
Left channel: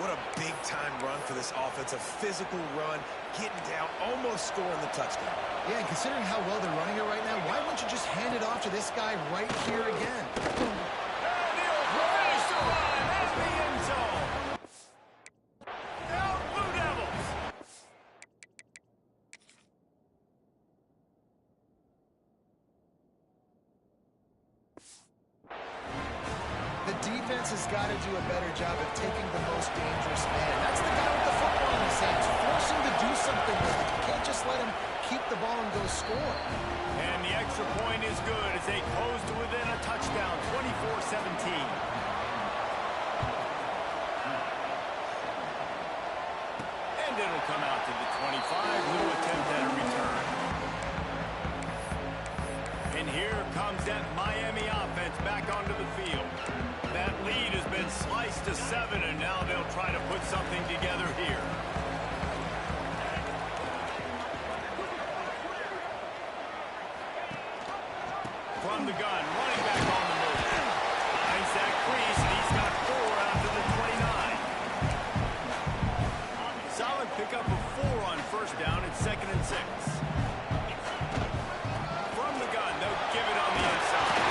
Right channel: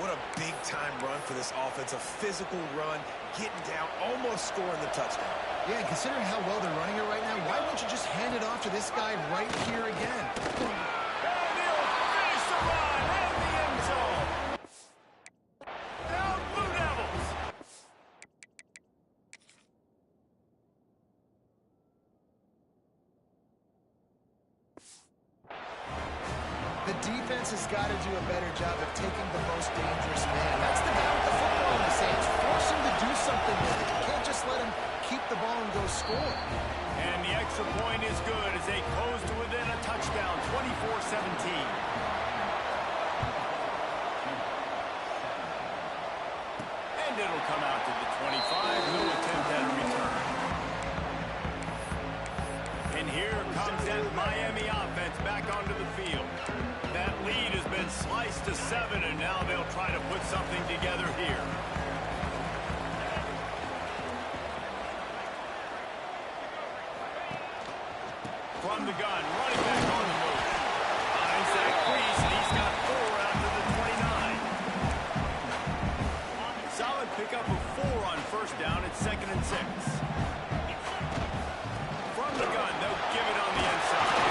What a big-time run for this offense. A physical run, getting down, almost scoring the touchdown. Yeah, and considering how well they're running it right now, why wouldn't you just hand it off to this guy right here again? And he'll finish the run in the end zone. Down Blue Devils. The defense has got to do a better job of taking the most dangerous man. That's the guy with the football in his hands. Force him to do something with it. You can't just let him keep the ball and go score. And the extra point is good as they close to within a touchdown, 24-17. And it'll come out to the 25. No attempt at a return. And here comes that Miami offense back onto the field. That lead has been sliced to 7, and now they'll try to put something together here. From the gun, running back on the move. Finds that crease, and he's got 4 out to the 29. Solid pickup of 4 on first down. It's 2nd and 6. From the gun, they'll give it on the inside.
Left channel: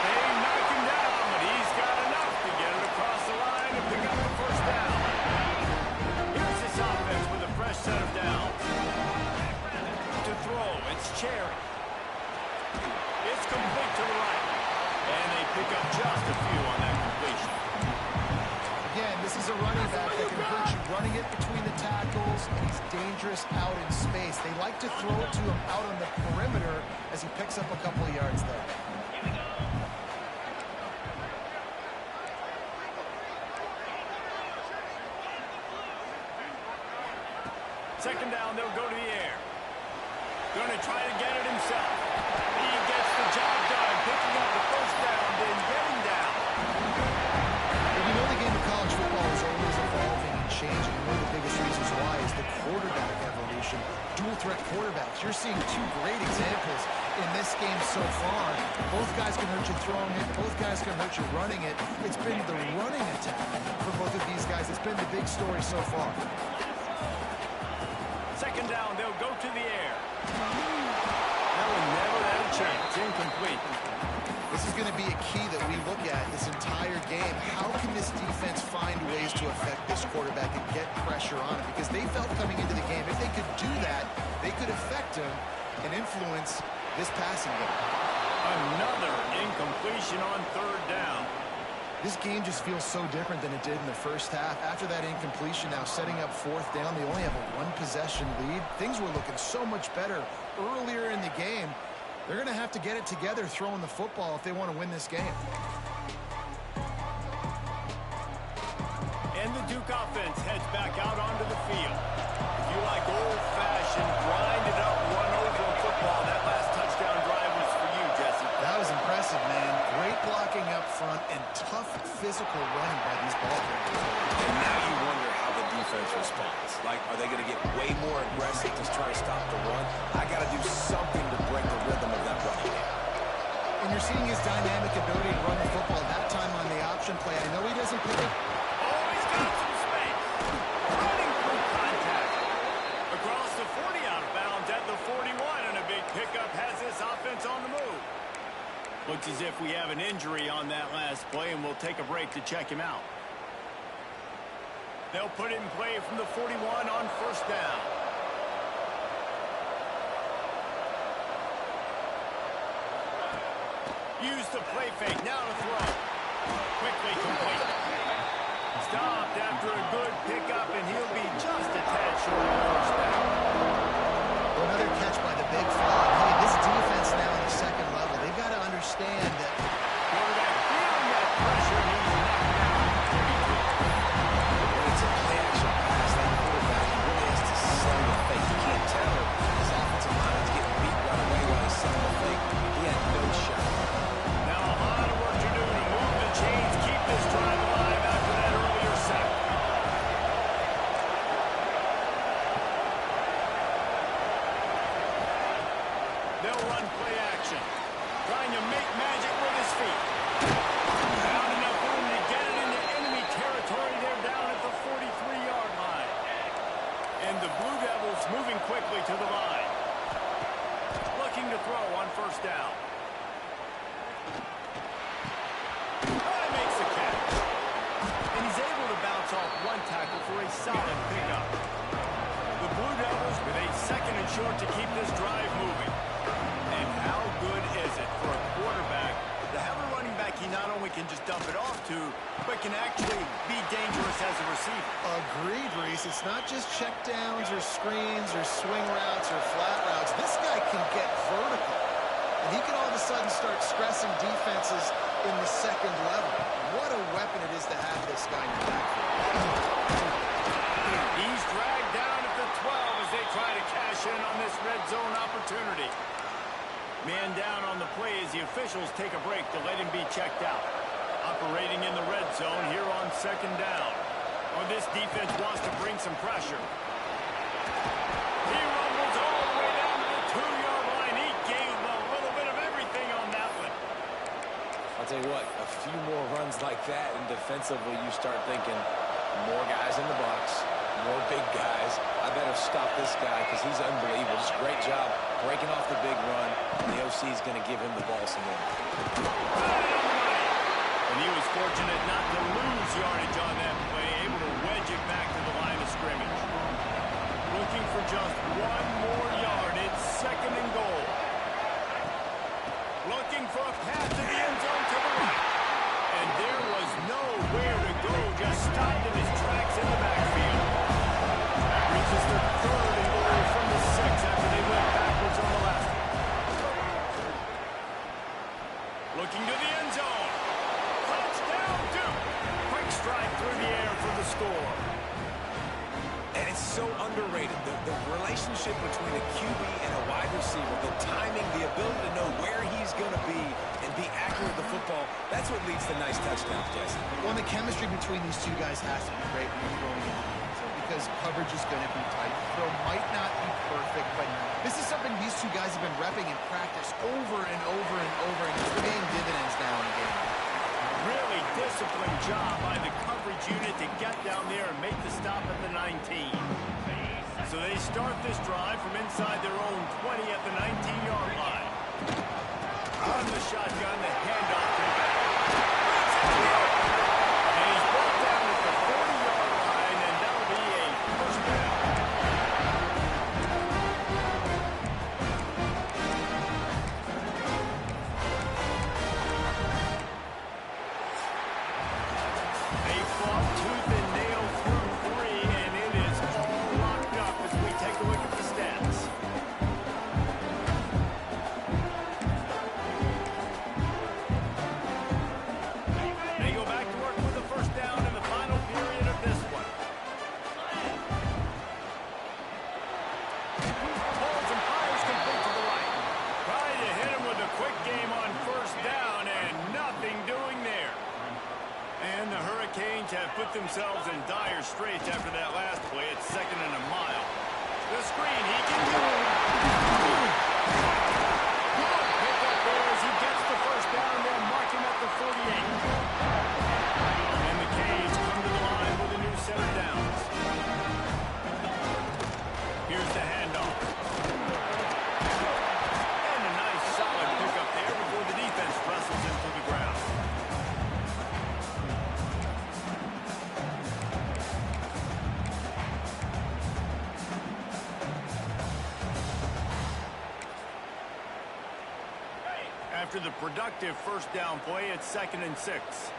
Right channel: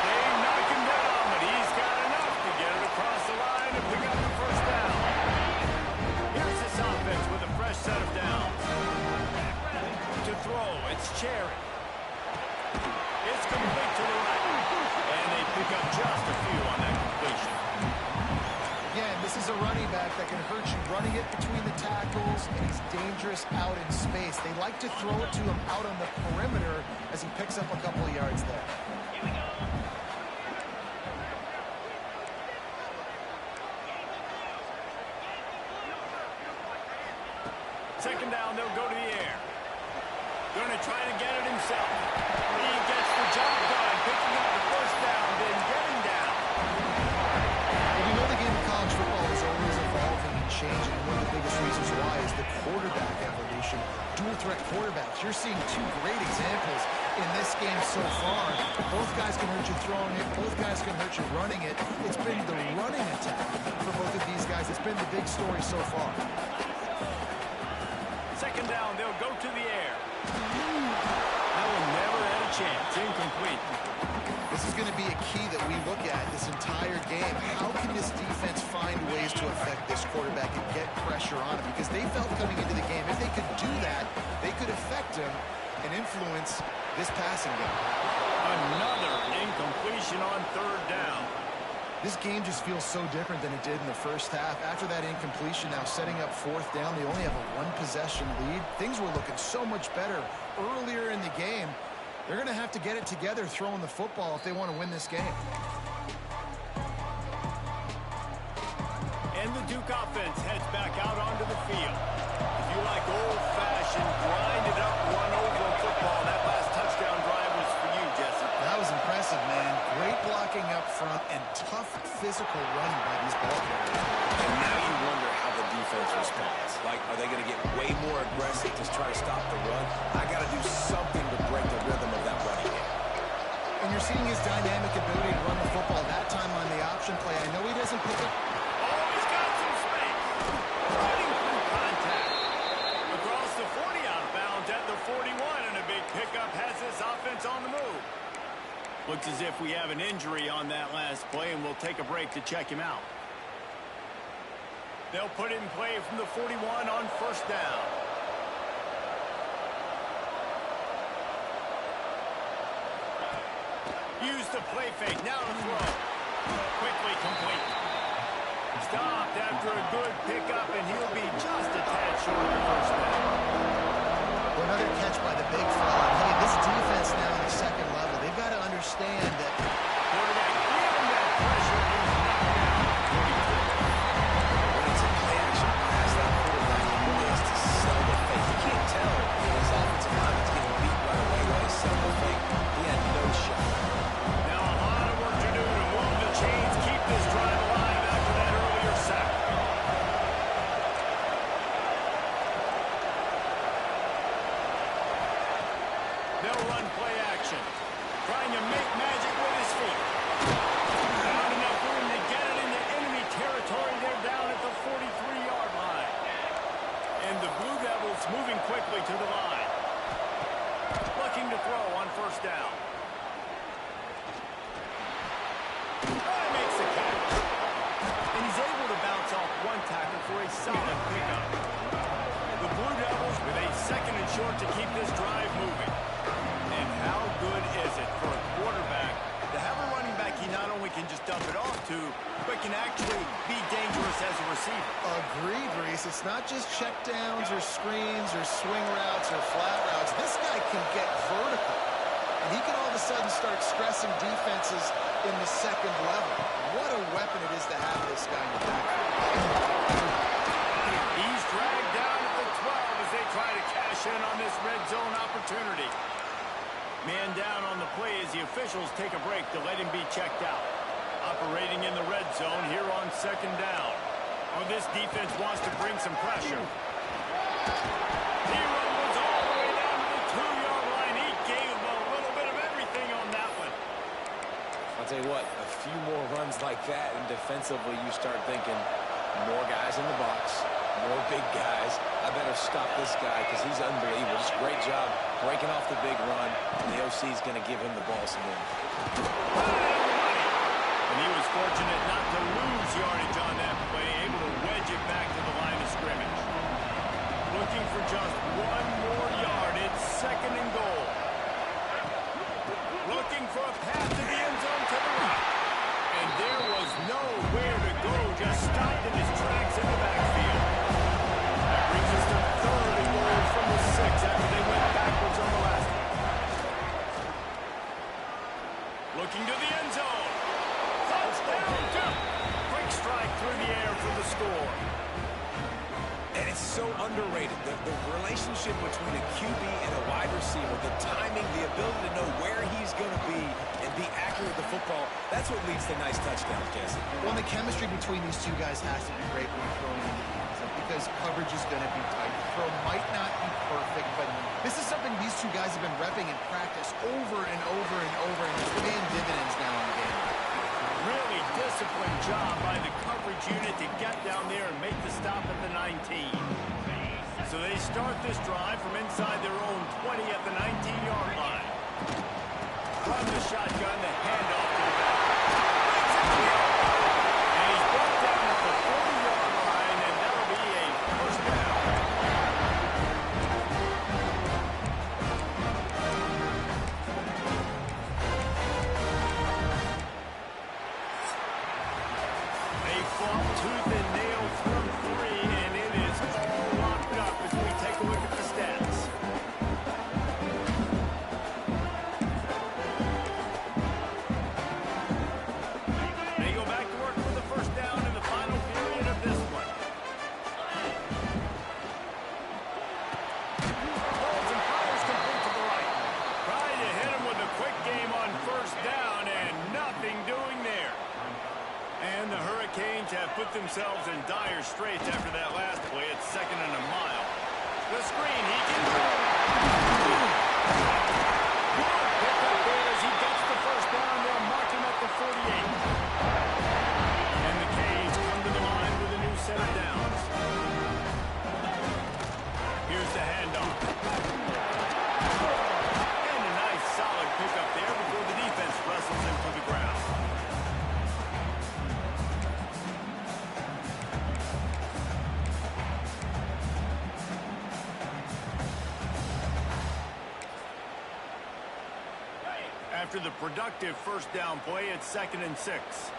They knock him down, but he's got enough to get it across the line and pick up the first down. Here's this offense with a fresh set of downs. To throw, it's Cherry. It's complete to the right. And they pick up just a few on that completion. Again, this is a running back that can hurt you running it between the tackles, and he's dangerous out in space. They like to throw it to him out on the perimeter as he picks up a couple of yards there. Second down, they'll go to the air. Going to try to get it himself. He gets the job done, picking up the first down, then getting down. Well, we know the game of college football is always evolving and changing, and one of the biggest reasons why is the quarterback evolution. Dual threat quarterbacks. You're seeing 2 great examples in this game so far. Both guys can hurt you throwing it. Both guys can hurt you running it. It's been the running attack for both of these guys. It's been the big story so far. Second down, they'll go to the air. That one never had a chance. Incomplete. This is going to be a key that we look at this entire game. How can this defense find ways to affect this quarterback and get pressure on him? Because they felt coming into the game, if they could do that, they could affect him and influence this passing game. Another incompletion on third down. This game just feels so different than it did in the first half. After that incompletion, now setting up fourth down, they only have a 1-possession lead. Things were looking so much better earlier in the game. They're going to have to get it together throwing the football if they want to win this game. And the Duke offense heads back out onto the field. If you like old-fashioned, grinded-up, run-over football, that last touchdown drive was for you, Jesse. That was impressive, man. Great blocking up front and tough physical running by these ball carriers. And now you wonder how the defense responds. Like, are they going to get way more aggressive to try to stop the run? I got to do something to break the rhythm of that running game. And you're seeing his dynamic ability to run the football that time on the option play. I know he doesn't pick it. Oh, he's got some space. Running through the 41, and a big pickup has this offense on the move. Looks as if we have an injury on that last play, and we'll take a break to check him out. They'll put it in play from the 41 on first down. Use the play fake. Now to throw. Quickly complete. Stopped after a good pickup, and he'll be just a tad short of the first down. Well, another catch by the big fella. Hey, this defense now in the second level, they've got to understand that Quarterback feeling that pressure, and he's knocked down. 42. When it's a play-action pass, that quarterback really has to sell the fake. You can't tell when his offensive lineman's getting beat right away while he's selling the fake. He had no shot. Now a lot of work to do to move the chains, keep this drive alive after that earlier sack. They'll run play action, trying to make magic with his feet. Found enough room to get it into enemy territory. They're down at the 43-yard line. And the Blue Devils moving quickly to the line. Looking to throw on first down. Oh, he makes the catch. And he's able to bounce off one tackle for a solid pickup. The Blue Devils with a second and short to keep this drive moving. And how good is it for a quarterback to have a running back he not only can just dump it off to, but can actually be dangerous as a receiver? agreed, Reese. It's not just checkdowns or screens or swing routes or flat routes. This guy can get vertical. And he can all of a sudden start stressing defenses in the second level. What a weapon it is to have this guy in your backfield. He's dragged down at the 12 as they try to cash in on this red zone opportunity. Man down on the play as the officials take a break to let him be checked out. Operating in the red zone here on second down. Oh, this defense wants to bring some pressure. He rumbles all the way down to the 2-yard line. He gave a little bit of everything on that one. I'll tell you what, a few more runs like that, and defensively you start thinking more guys in the box, more big guys. I better stop this guy because he's unbelievable. Just great job breaking off the big run. And the OC is going to give him the ball some more. Right on the money. And he was fortunate not to lose yardage on that play, able to wedge it back to the line of scrimmage. Looking for just one more yard. It's second and goal. Looking for a pass to the end zone to the right. And there was nowhere to go, just stopped in his tracks in the backfield. That brings us to third and goal from the 6 after they went backwards on the last one. Looking to the end zone. Touchdown, Duke. Quick strike through the air for the score. And it's so underrated. The relationship between a QB and a wide receiver, the timing, the ability to know where he's going to be and be accurate with the football, that's what leads to nice touchdowns, Jesse. Well, the chemistry between these two guys has to be great when you're throwing into the end zone because coverage is going to be tight. The throw might not be perfect, but this is something these two guys have been repping in practice over and over and over, and it's paying dividends now in the game. Really disciplined job by the coverage unit to get down there and make the stop at the 19. So they start this drive from inside their own 20 at the 19-yard line. On the shotgun, the handoff to the back. Brings it to the open. And he's brought down at the 40-yard line, and that'll be a first down. They fought tooth and nail through 3, and it is all locked up as we take a look at the stats. They go back to work with the first down in the final period of this one. Pulls and fires complete to the right. Trying to hit him with a quick game on first down, and nothing doing there. And the Hurricanes have put themselves in dire straits after that last play. It's second and a mile. The screen, he can do it. Good pick up there as he gets the first down. They'll mark him at the 48. And the Canes come to the line with a new set of downs. Here's the handoff. after the productive first down play at 2nd and 6.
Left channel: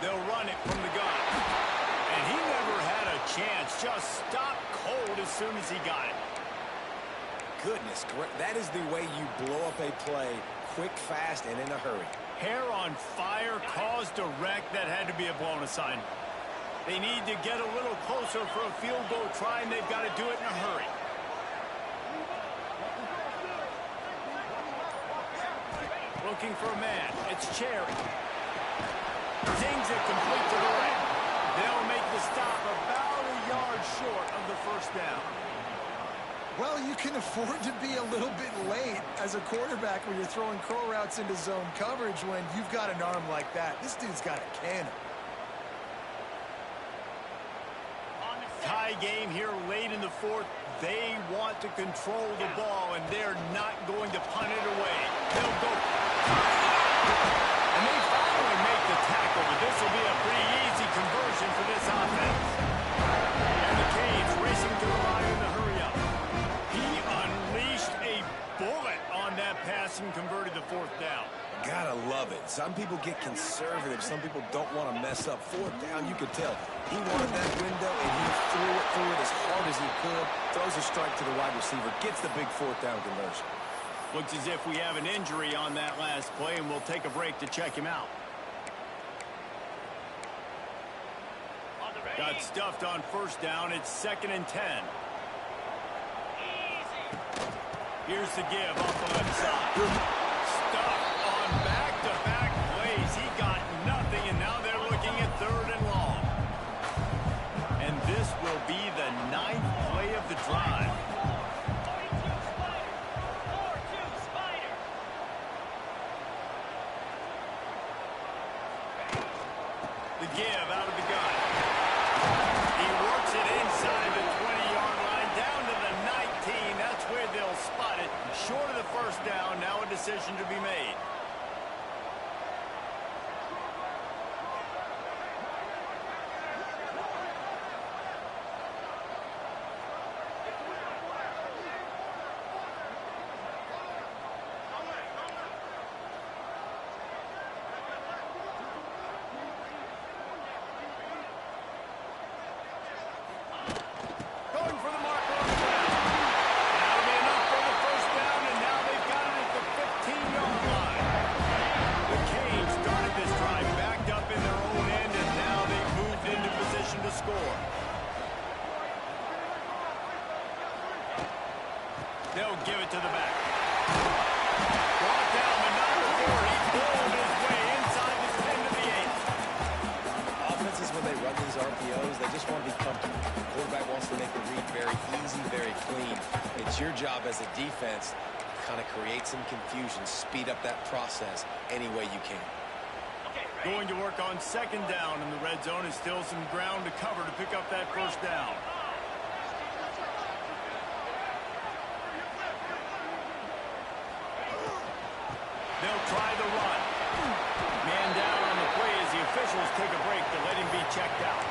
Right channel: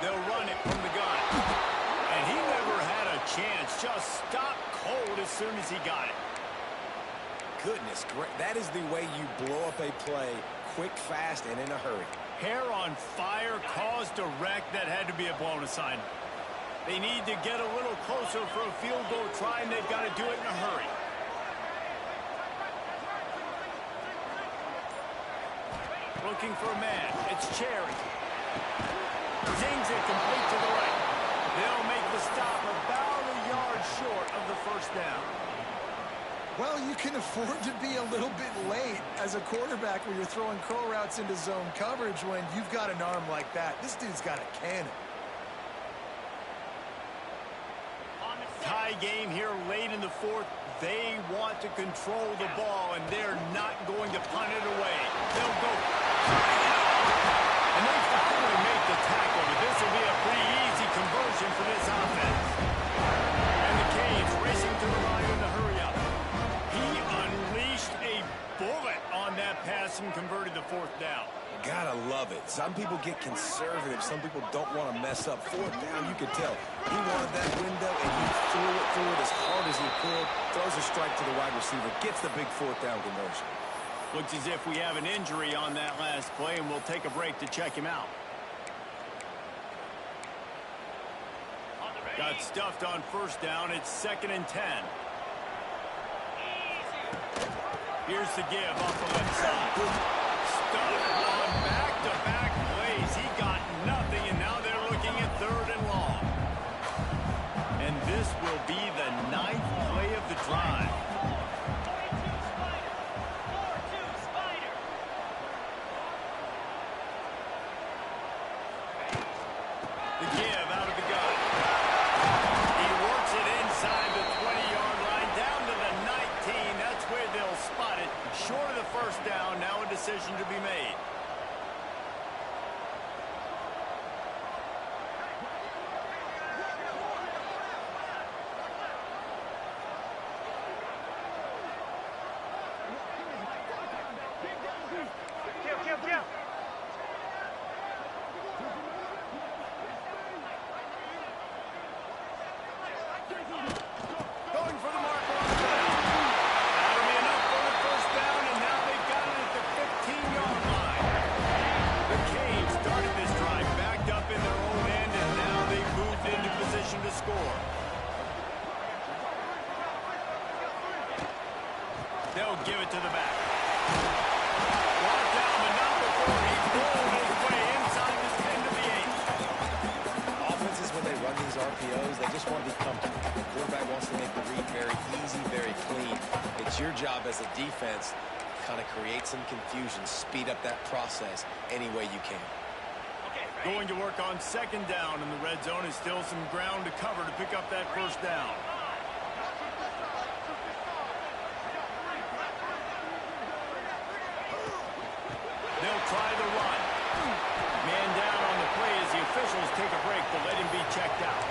They'll run it from the gun. And he never had a chance. Just stopped cold as soon as he got it. Goodness, that is the way you blow up a play quick, fast, and in a hurry. Hair on fire, caused a wreck. That had to be a blown assignment. They need to get a little closer for a field goal try, and they've got to do it in a hurry. Looking for a man. It's Cherry. Zings it complete to the right. They'll make the stop about a yard short of the first down. Well, you can afford to be a little bit late as a quarterback when you're throwing curl routes into zone coverage when you've got an arm like that. This dude's got a cannon. Tie game here late in the fourth. They want to control the ball, and they're not going to punt it away. They'll go. And they finally make the tackle, but this will be a pretty easy conversion for this offense. And the Canes racing to the line in the hurry-up. He unleashed a bullet on that pass and converted the fourth down. Gotta love it. Some people get conservative. Some people don't want to mess up. Fourth down, you could tell. He wanted that window, and he threw it as hard as he could. Throws a strike to the wide receiver. Gets the big fourth down conversion. Looks as if we have an injury on that last play, and we'll take a break to check him out. Got stuffed on first down. It's 2nd and 10. Here's the give off the left side. Stuffed on back-to-back plays. He got nothing, and now they're looking at 3rd and long. And this will be the 9th play of the drive. The give out of the gun. He works it inside the 20-yard line, down to the 19. That's where they'll spot it. Short of the first down, now a decision to be made. Going for the marker on the ground. That'll be enough for the first down, and now they've got it at the 15-yard line. The Canes started this drive backed up in their own end, and now they've moved into position to score. They'll give it to the back. Brought down, but not before he pulled his way inside the 10 to the 8. Offenses, when they run these RPOs, they just want to be comfortable. The quarterback wants to make the read very easy, very clean. It's your job as a defense to kind of create some confusion, speed up that process any way you can. Going to work on 2nd down, and the red zone is still some ground to cover to pick up that first down. They'll try the run. Man down on the play as the officials take a break to let him be checked out.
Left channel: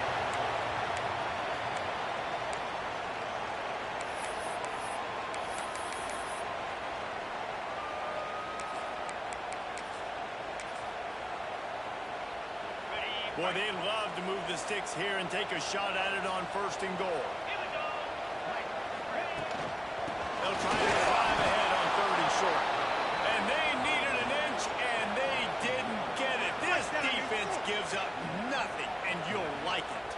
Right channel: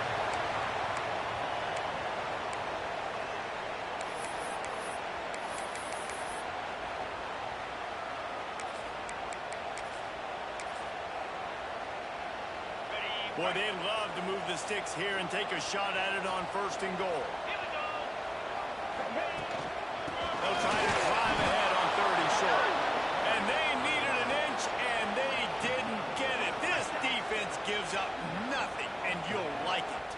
Boy, they love to move the sticks here and take a shot at it on 1st and goal. They'll try to drive ahead on 3rd and short. And they needed an inch, and they didn't get it. This defense gives up nothing, and you'll like it.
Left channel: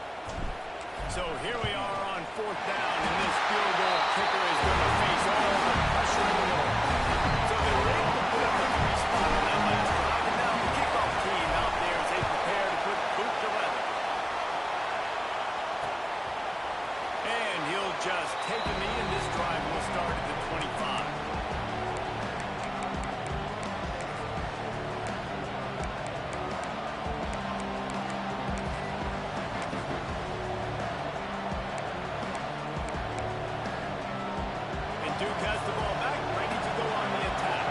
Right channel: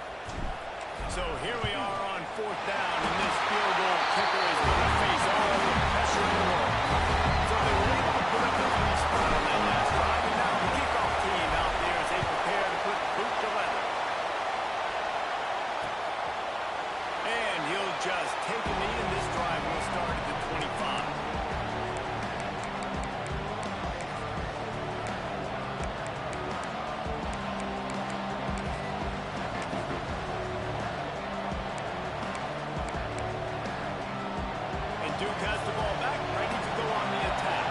So here we are on 4th down, and this field goal kicker is going to face all the pressure in the world. So they were able to put up a 3 spot on that last drive, and now the kickoff team out there as they prepare to put boot to leather. And he'll just take a knee, and this drive will start at the 25. Duke has the ball back, ready to go on the attack.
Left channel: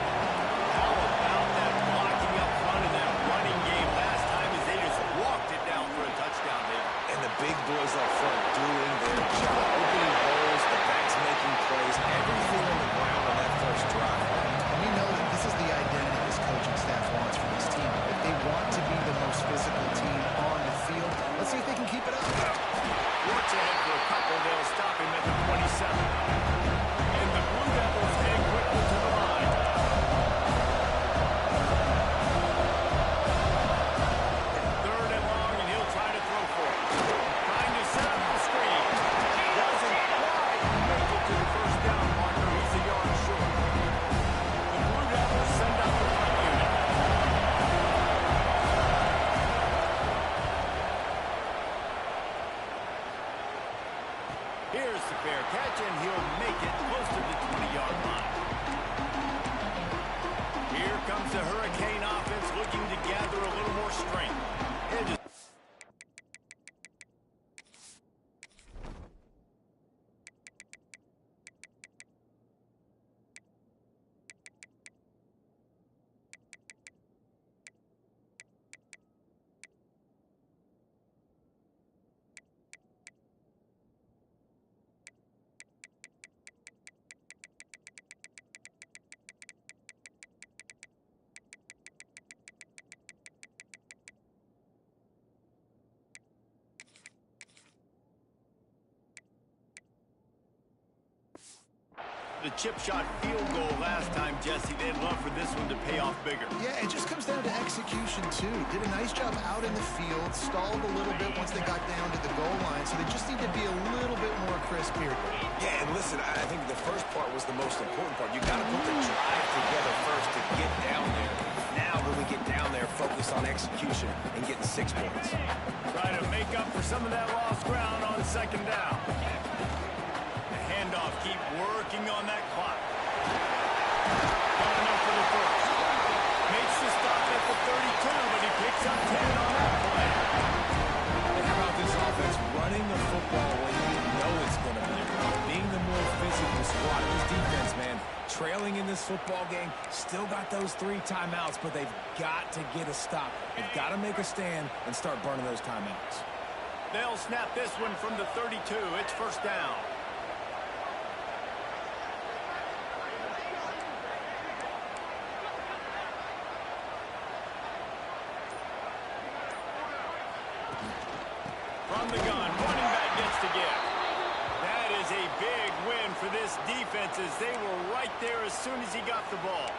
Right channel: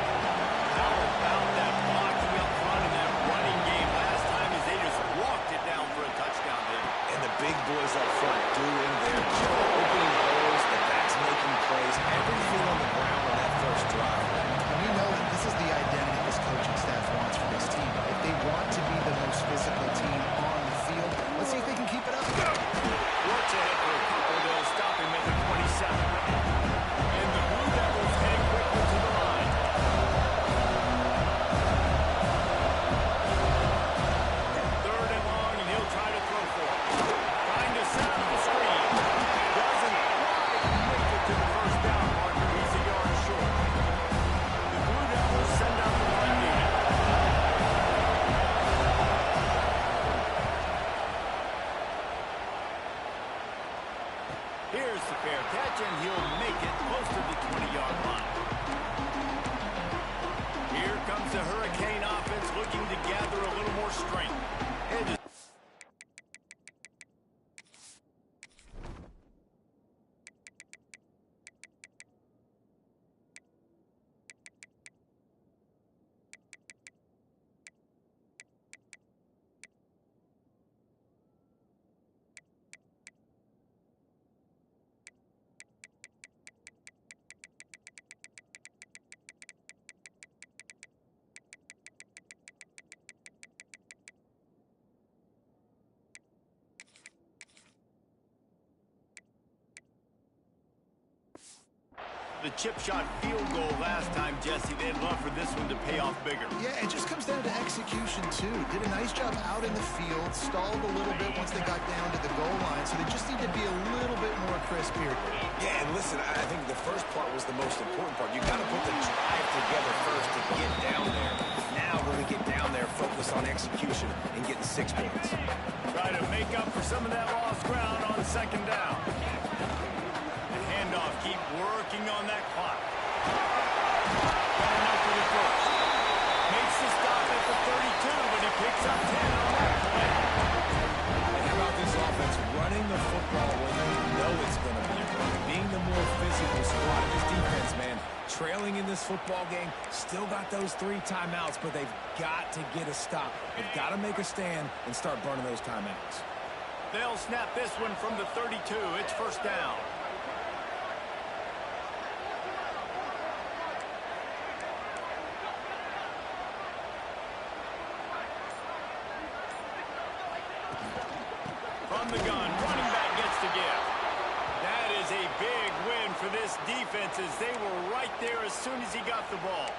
How about that blocking up front in that running game last time as they just walked it down for a touchdown, David? And the big boys up front doing their job. Opening holes, the backs making plays, everything on the ground on that first And the Blue Devils head quickly to the line. Third and long, and he'll try to throw for it. Trying to set up the screen. Doesn't quite make it to the first down marker. He's a yard short. The Blue Devils send out the front unit. Here's the fair catch, and he'll make it close to the 20-yard line. Here comes the Hurricane offense looking to gather a little more strength. And the chip shot field goal last time, Jesse. They'd love for this one to pay off bigger. Yeah, it just comes down to execution, too. Did a nice job out in the field, stalled a little bit once they got down to the goal line, so they just need to be a little bit more crisp here. Yeah, and listen, I think the first part was the most important part. You got to put the drive together first to get down there. Now, when we get down there, focus on execution and getting 6 points. Try to make up for some of that lost ground on second down. Handoff, keep working on that clock. Got enough for the first. Makes the stop at the 32, but he picks up 10 on that play. And how about this offense running the football when you know it's going to be a run? Being the more physical squad of this defense, man. Trailing in this football game, still got those 3 timeouts, but they've got to get a stop. They've got to make a stand and start burning those timeouts. They'll snap this one from the 32. It's first down. From the gun, running back gets to give. That is a big win for this defense as they were right there as soon as he got the ball.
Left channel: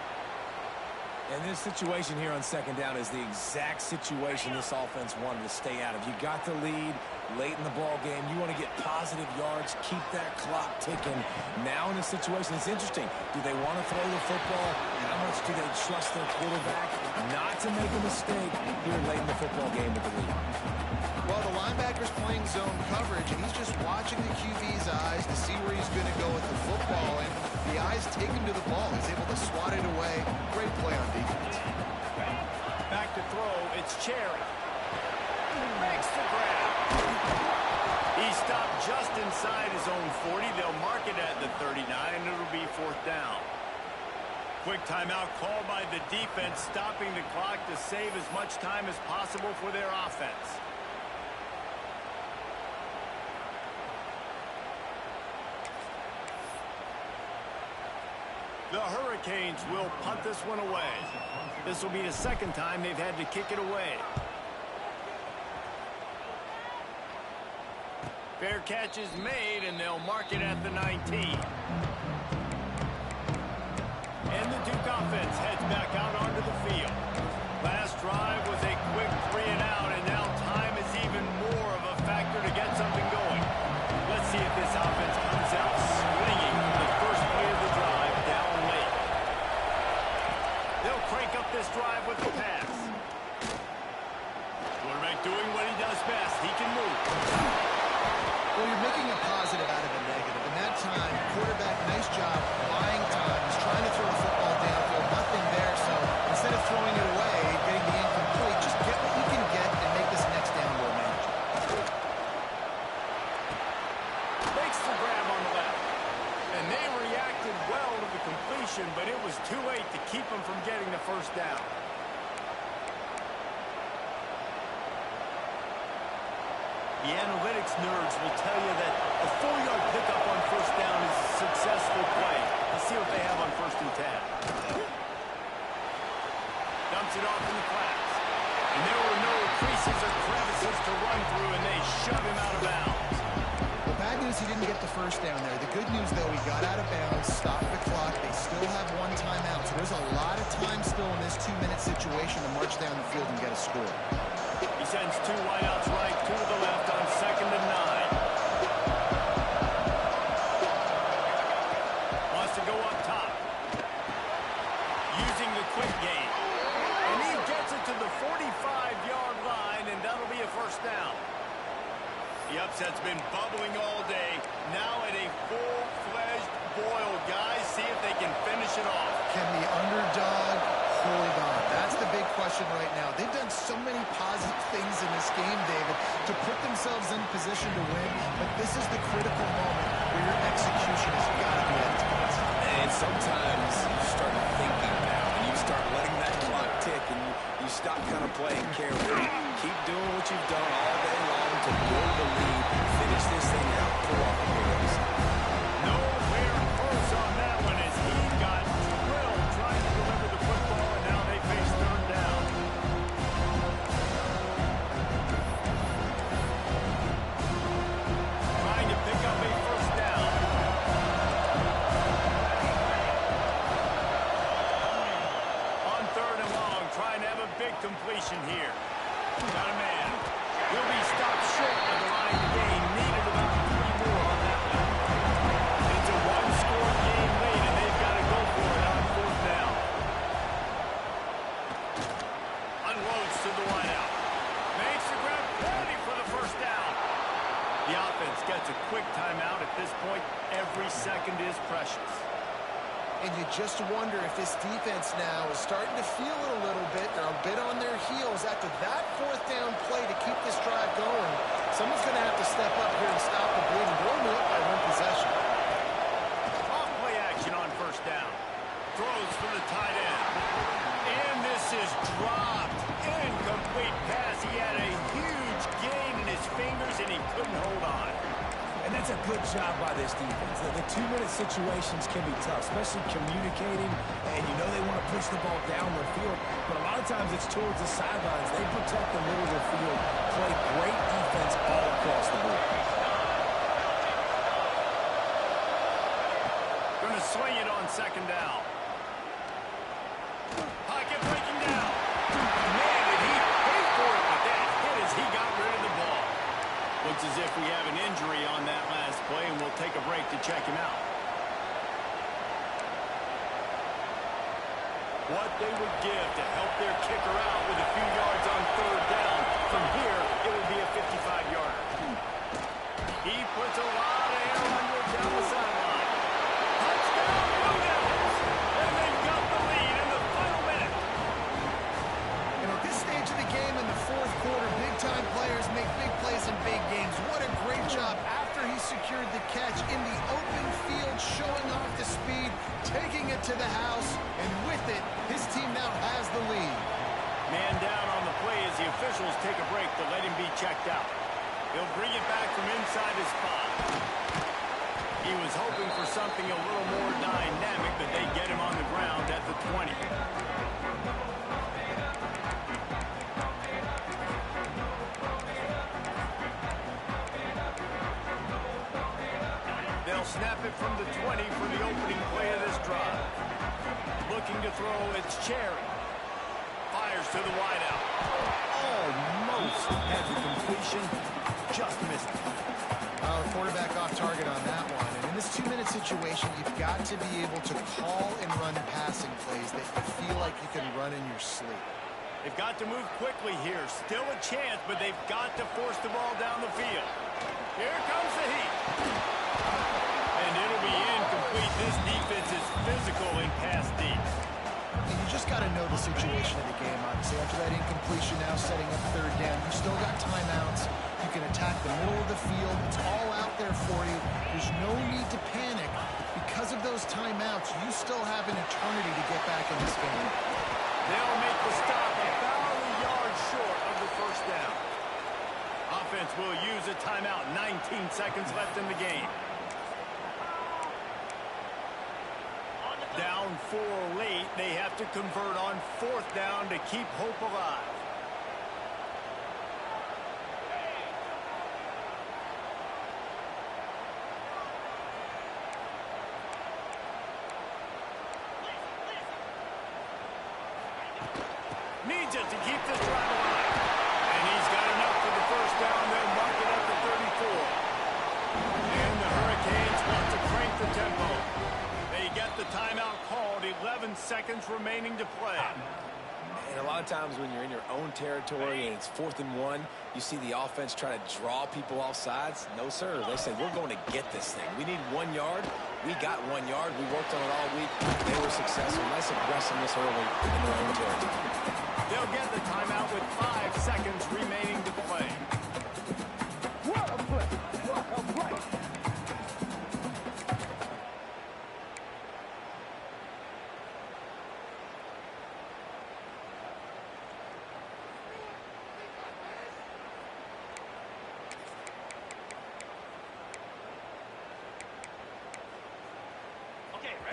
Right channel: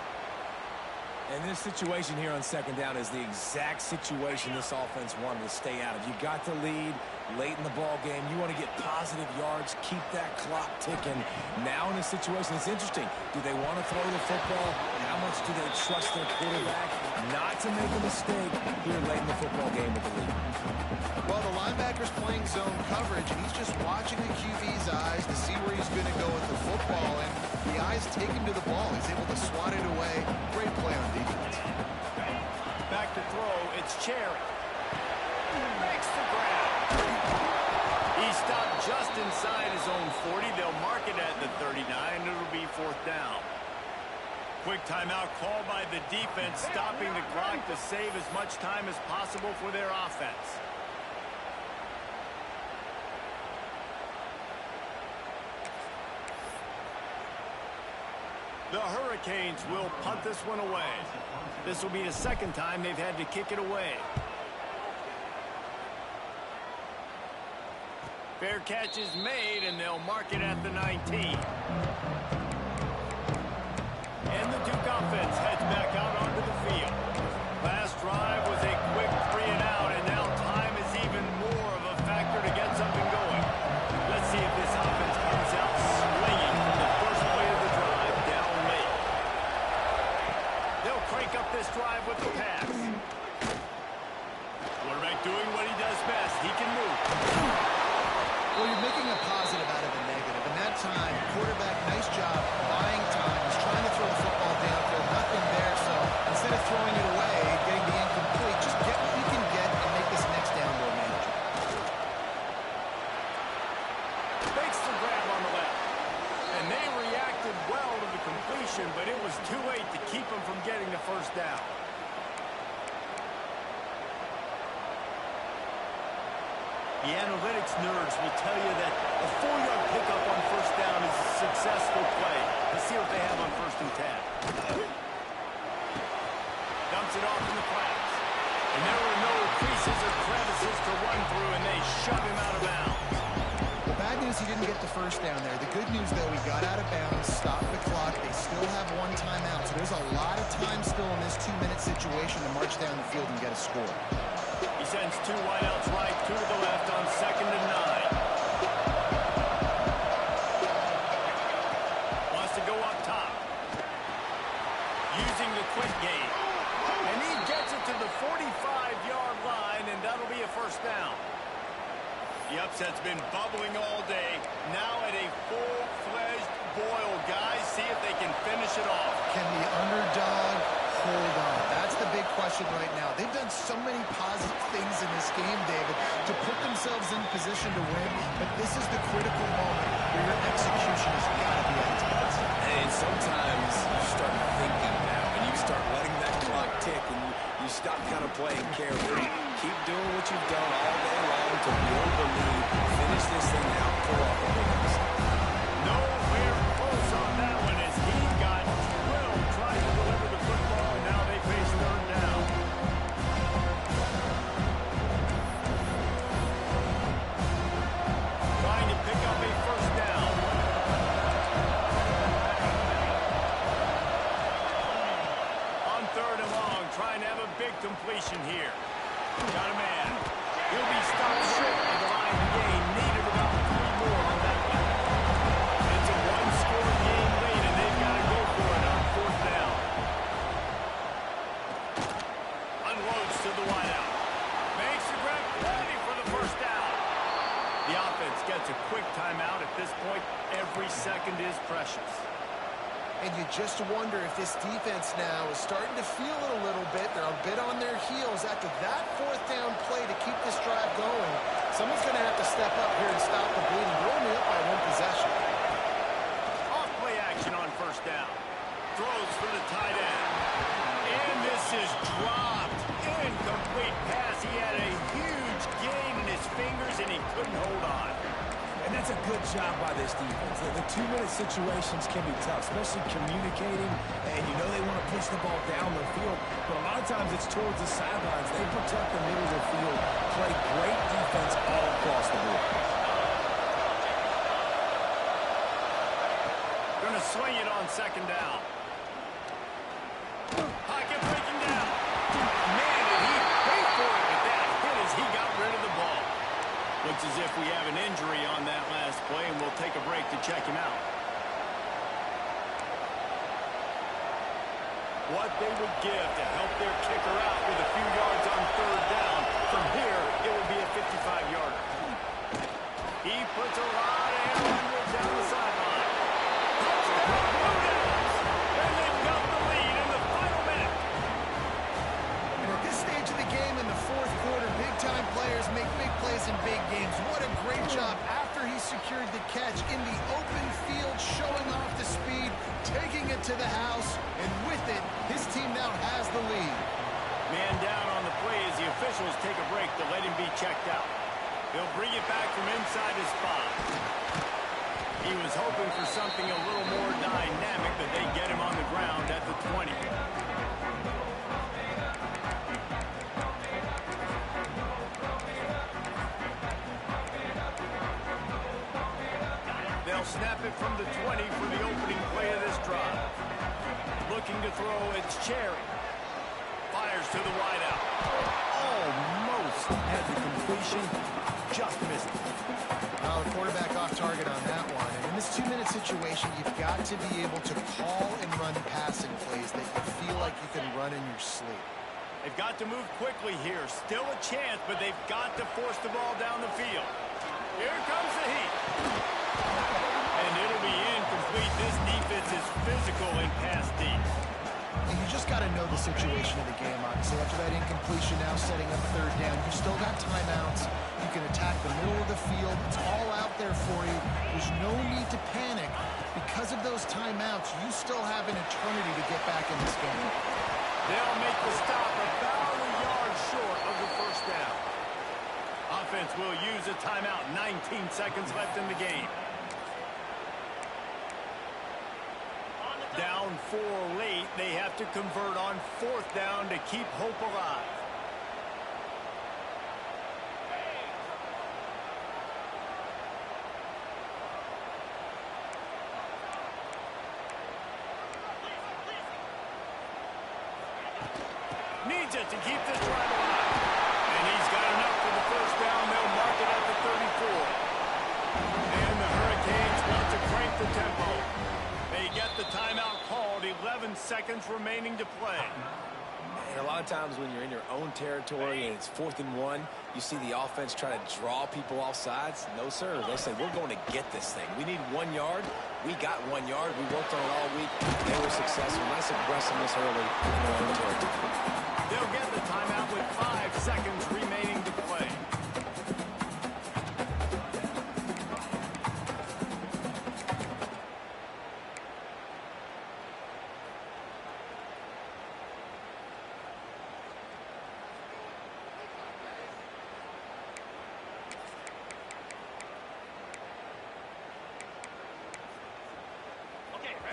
And this situation here on second down is the exact situation this offense wanted to stay out of. You got the lead late in the ball game. You want to get positive yards, keep that clock ticking. Now in a situation, it's interesting. Do they want to throw the football? How much do they trust their quarterback not to make a mistake here late in the football game with the lead? Well, the linebacker's playing zone coverage, and he's just watching the QB's eyes to see where he's going to go with the football, and the eyes take him to the ball. He's able to swat it away. Great play on defense. Back to throw, it's Cherry. Makes the grab. He stopped just inside his own 40. They'll mark it at the 39, and it'll be fourth down. Quick timeout called by the defense, stopping the clock to save as much time as possible for their offense. The Hurricanes will punt this one away. This will be the second time they've had to kick it away. Fair catch is made, and they'll mark it at the 19. And the Duke offense heads back out onto the field. Last drive was a quick 3-and-out, and now time is even more of a factor to get something going. Let's see if this offense comes out swinging from the first play of the drive down late. They'll crank up this drive with the pass. Quarterback doing what he does best. He can move. Well, you're making a positive out of a negative. And that time, quarterback, nice job buying time. He's trying to throw the football downfield. Nothing there. So instead of throwing it away, getting the incomplete, just get what you can get and make this next down more manageable. Makes the grab on the left. And they reacted well to the completion, but it was too late to keep them from getting the first down. The analytics nerds will tell you that a 4-yard pickup on first down is a successful play. Let's see what they have on first and 10. Dumps it off in the flats. And there were no creases or crevices to run through, and they shove him out of bounds. Well, bad news, he didn't get the first down there. The good news, though, he got out of bounds, stopped the clock. They still have one timeout, so there's a lot of time still in this 2-minute situation to march down the field and get a score. He sends 2 wideouts right, 2 to the left on 2nd and 9. Wants to go up top. Using the quick game. And he gets it to the 45-yard line, and that'll be a first down. The upset's been bubbling all day. Now at a full-fledged boil. Guys, see if they can finish it off. Can the underdog hold on? That's the big question right now. They've done so many positive things in this game, David, to put themselves in position to win, but this is the critical moment where your execution has got to be at its best. And sometimes you start thinking now, and you start letting that clock tick, and you stop kind of playing carefree. Keep doing what you've done all day long to build the lead, finish this thing out, pull off the big upset. Nowhere close on that one as he got drilled trying to deliver the football, and now they face 3rd down. Trying to pick up a first down. On 3rd and long, trying to have a big completion here. Got a man. He'll be stopped short of the line to gain. Needed about 3 more on that one. It's a 1-score game late, and they've got to go for it on 4th down. Unloads to the wideout. Makes the grab, ready for the first down. The offense gets a quick timeout. At this point, every second is precious. And you just wonder if this defense now is starting to feel it a little bit. They're a bit on their heels after that 4th down play to keep this drive going. Someone's going to have to step up here and stop the bleeding. They're only up by 1 possession. Off play action on 1st down. Throws for the tight end. And this is dropped. Incomplete pass. He had a huge gain in his fingers, and he couldn't hold on. And that's a good job by this defense. The 2-minute situations can be tough, especially communicating, and you know they want to push the ball down the field, but a lot of times it's towards the sidelines. They protect the middle of the field, play great defense all across the board. Going to swing it on 2nd down. Pocket breaking down. Man, did he pay for it with that hit as he got rid of the ball. Looks as if we have an injury on that last play, and we'll take a break to check him out. What they would give to help their kicker out with a few yards on 3rd down. From here, it will be a 55-yarder. He puts a lot of air under it down the sideline. Touchdown, Blue Devils! And they've got the lead in the final minute. And at this stage of the game in the 4th quarter, big-time players make big plays in big games. What a great job after he secured the catch in the open field, showing off the speed, taking it to the house, and with it, his team now has the lead. Man down on the play as the officials take a break to let him be checked out. He'll bring it back from inside his spot. He was hoping for something a little more dynamic, but they get him on the ground at the 20. They'll snap it from the 20 for the opening play of this drive. Looking to throw, it's Cherry. Fires to the wideout. Almost had the completion, just missed it. Well, the quarterback off target on that one. And in this 2-minute situation, you've got to be able to call and run passing plays that you feel like you can run in your sleep. They've got to move quickly here. Still a chance, but they've got to force the ball down the field. Here comes the heat. And it'll be incomplete. This defense is physical in pass deep. And you just got to know the situation of the game, obviously. After that incompletion, now setting up 3rd down, you've still got timeouts. You can attack the middle of the field. It's all out there for you. There's no need to panic. Because of those timeouts, you still have an eternity to get back in this game. They'll make the stop about a yard short of the first down. Offense will use a timeout. 19 seconds left in the game. Down 4 late. They have to convert on 4th down to keep hope alive. needs it to keep this drive alive. And he's got enough for the first down. They'll mark it at the 34. And the Hurricanes want to crank the tempo. They get the timeout called. 11 seconds remaining to play. And a lot of times when you're in your own territory and it's 4th and 1, you see the offense try to draw people off sides. No, sir. They say, we're going to get this thing. We need 1 yard. We got 1 yard. We worked on it all week. They were successful. Nice aggressiveness early in their own territory. They'll get the timeout with 5 seconds remaining to play.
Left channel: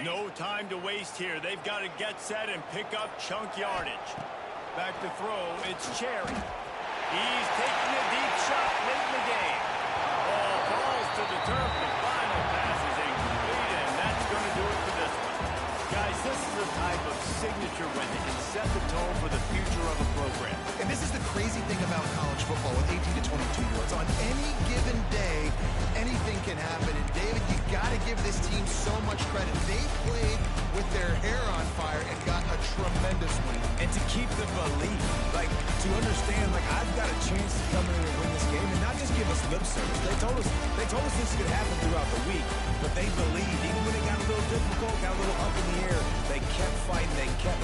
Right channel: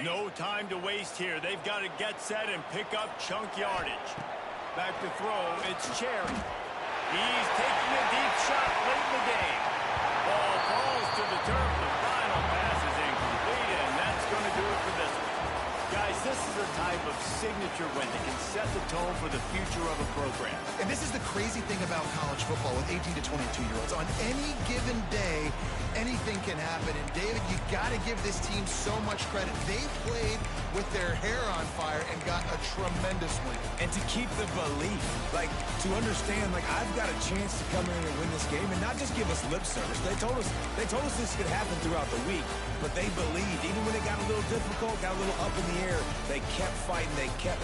No time to waste here. They've got to get set and pick up chunk yardage. Back to throw, it's Cherry. He's taking a deep shot late in the game. Ball falls to the turf. The final pass is incomplete, and that's going to do it for this one. Guys, this is a type of signature win that can set the tone for the future of a program. And this is the crazy thing about college football with 18 to 22-year-olds. On any given day, anything can happen. And, David, you got to give this team so much credit. They played with their hair on fire and got a tremendous win. And to keep the belief, like, to understand, like, I've got a chance to come in and win this game and not just give us lip service. They told us this could happen throughout the week, but they believed. Even when it got a little difficult, got a little up in the air, they kept fighting, they kept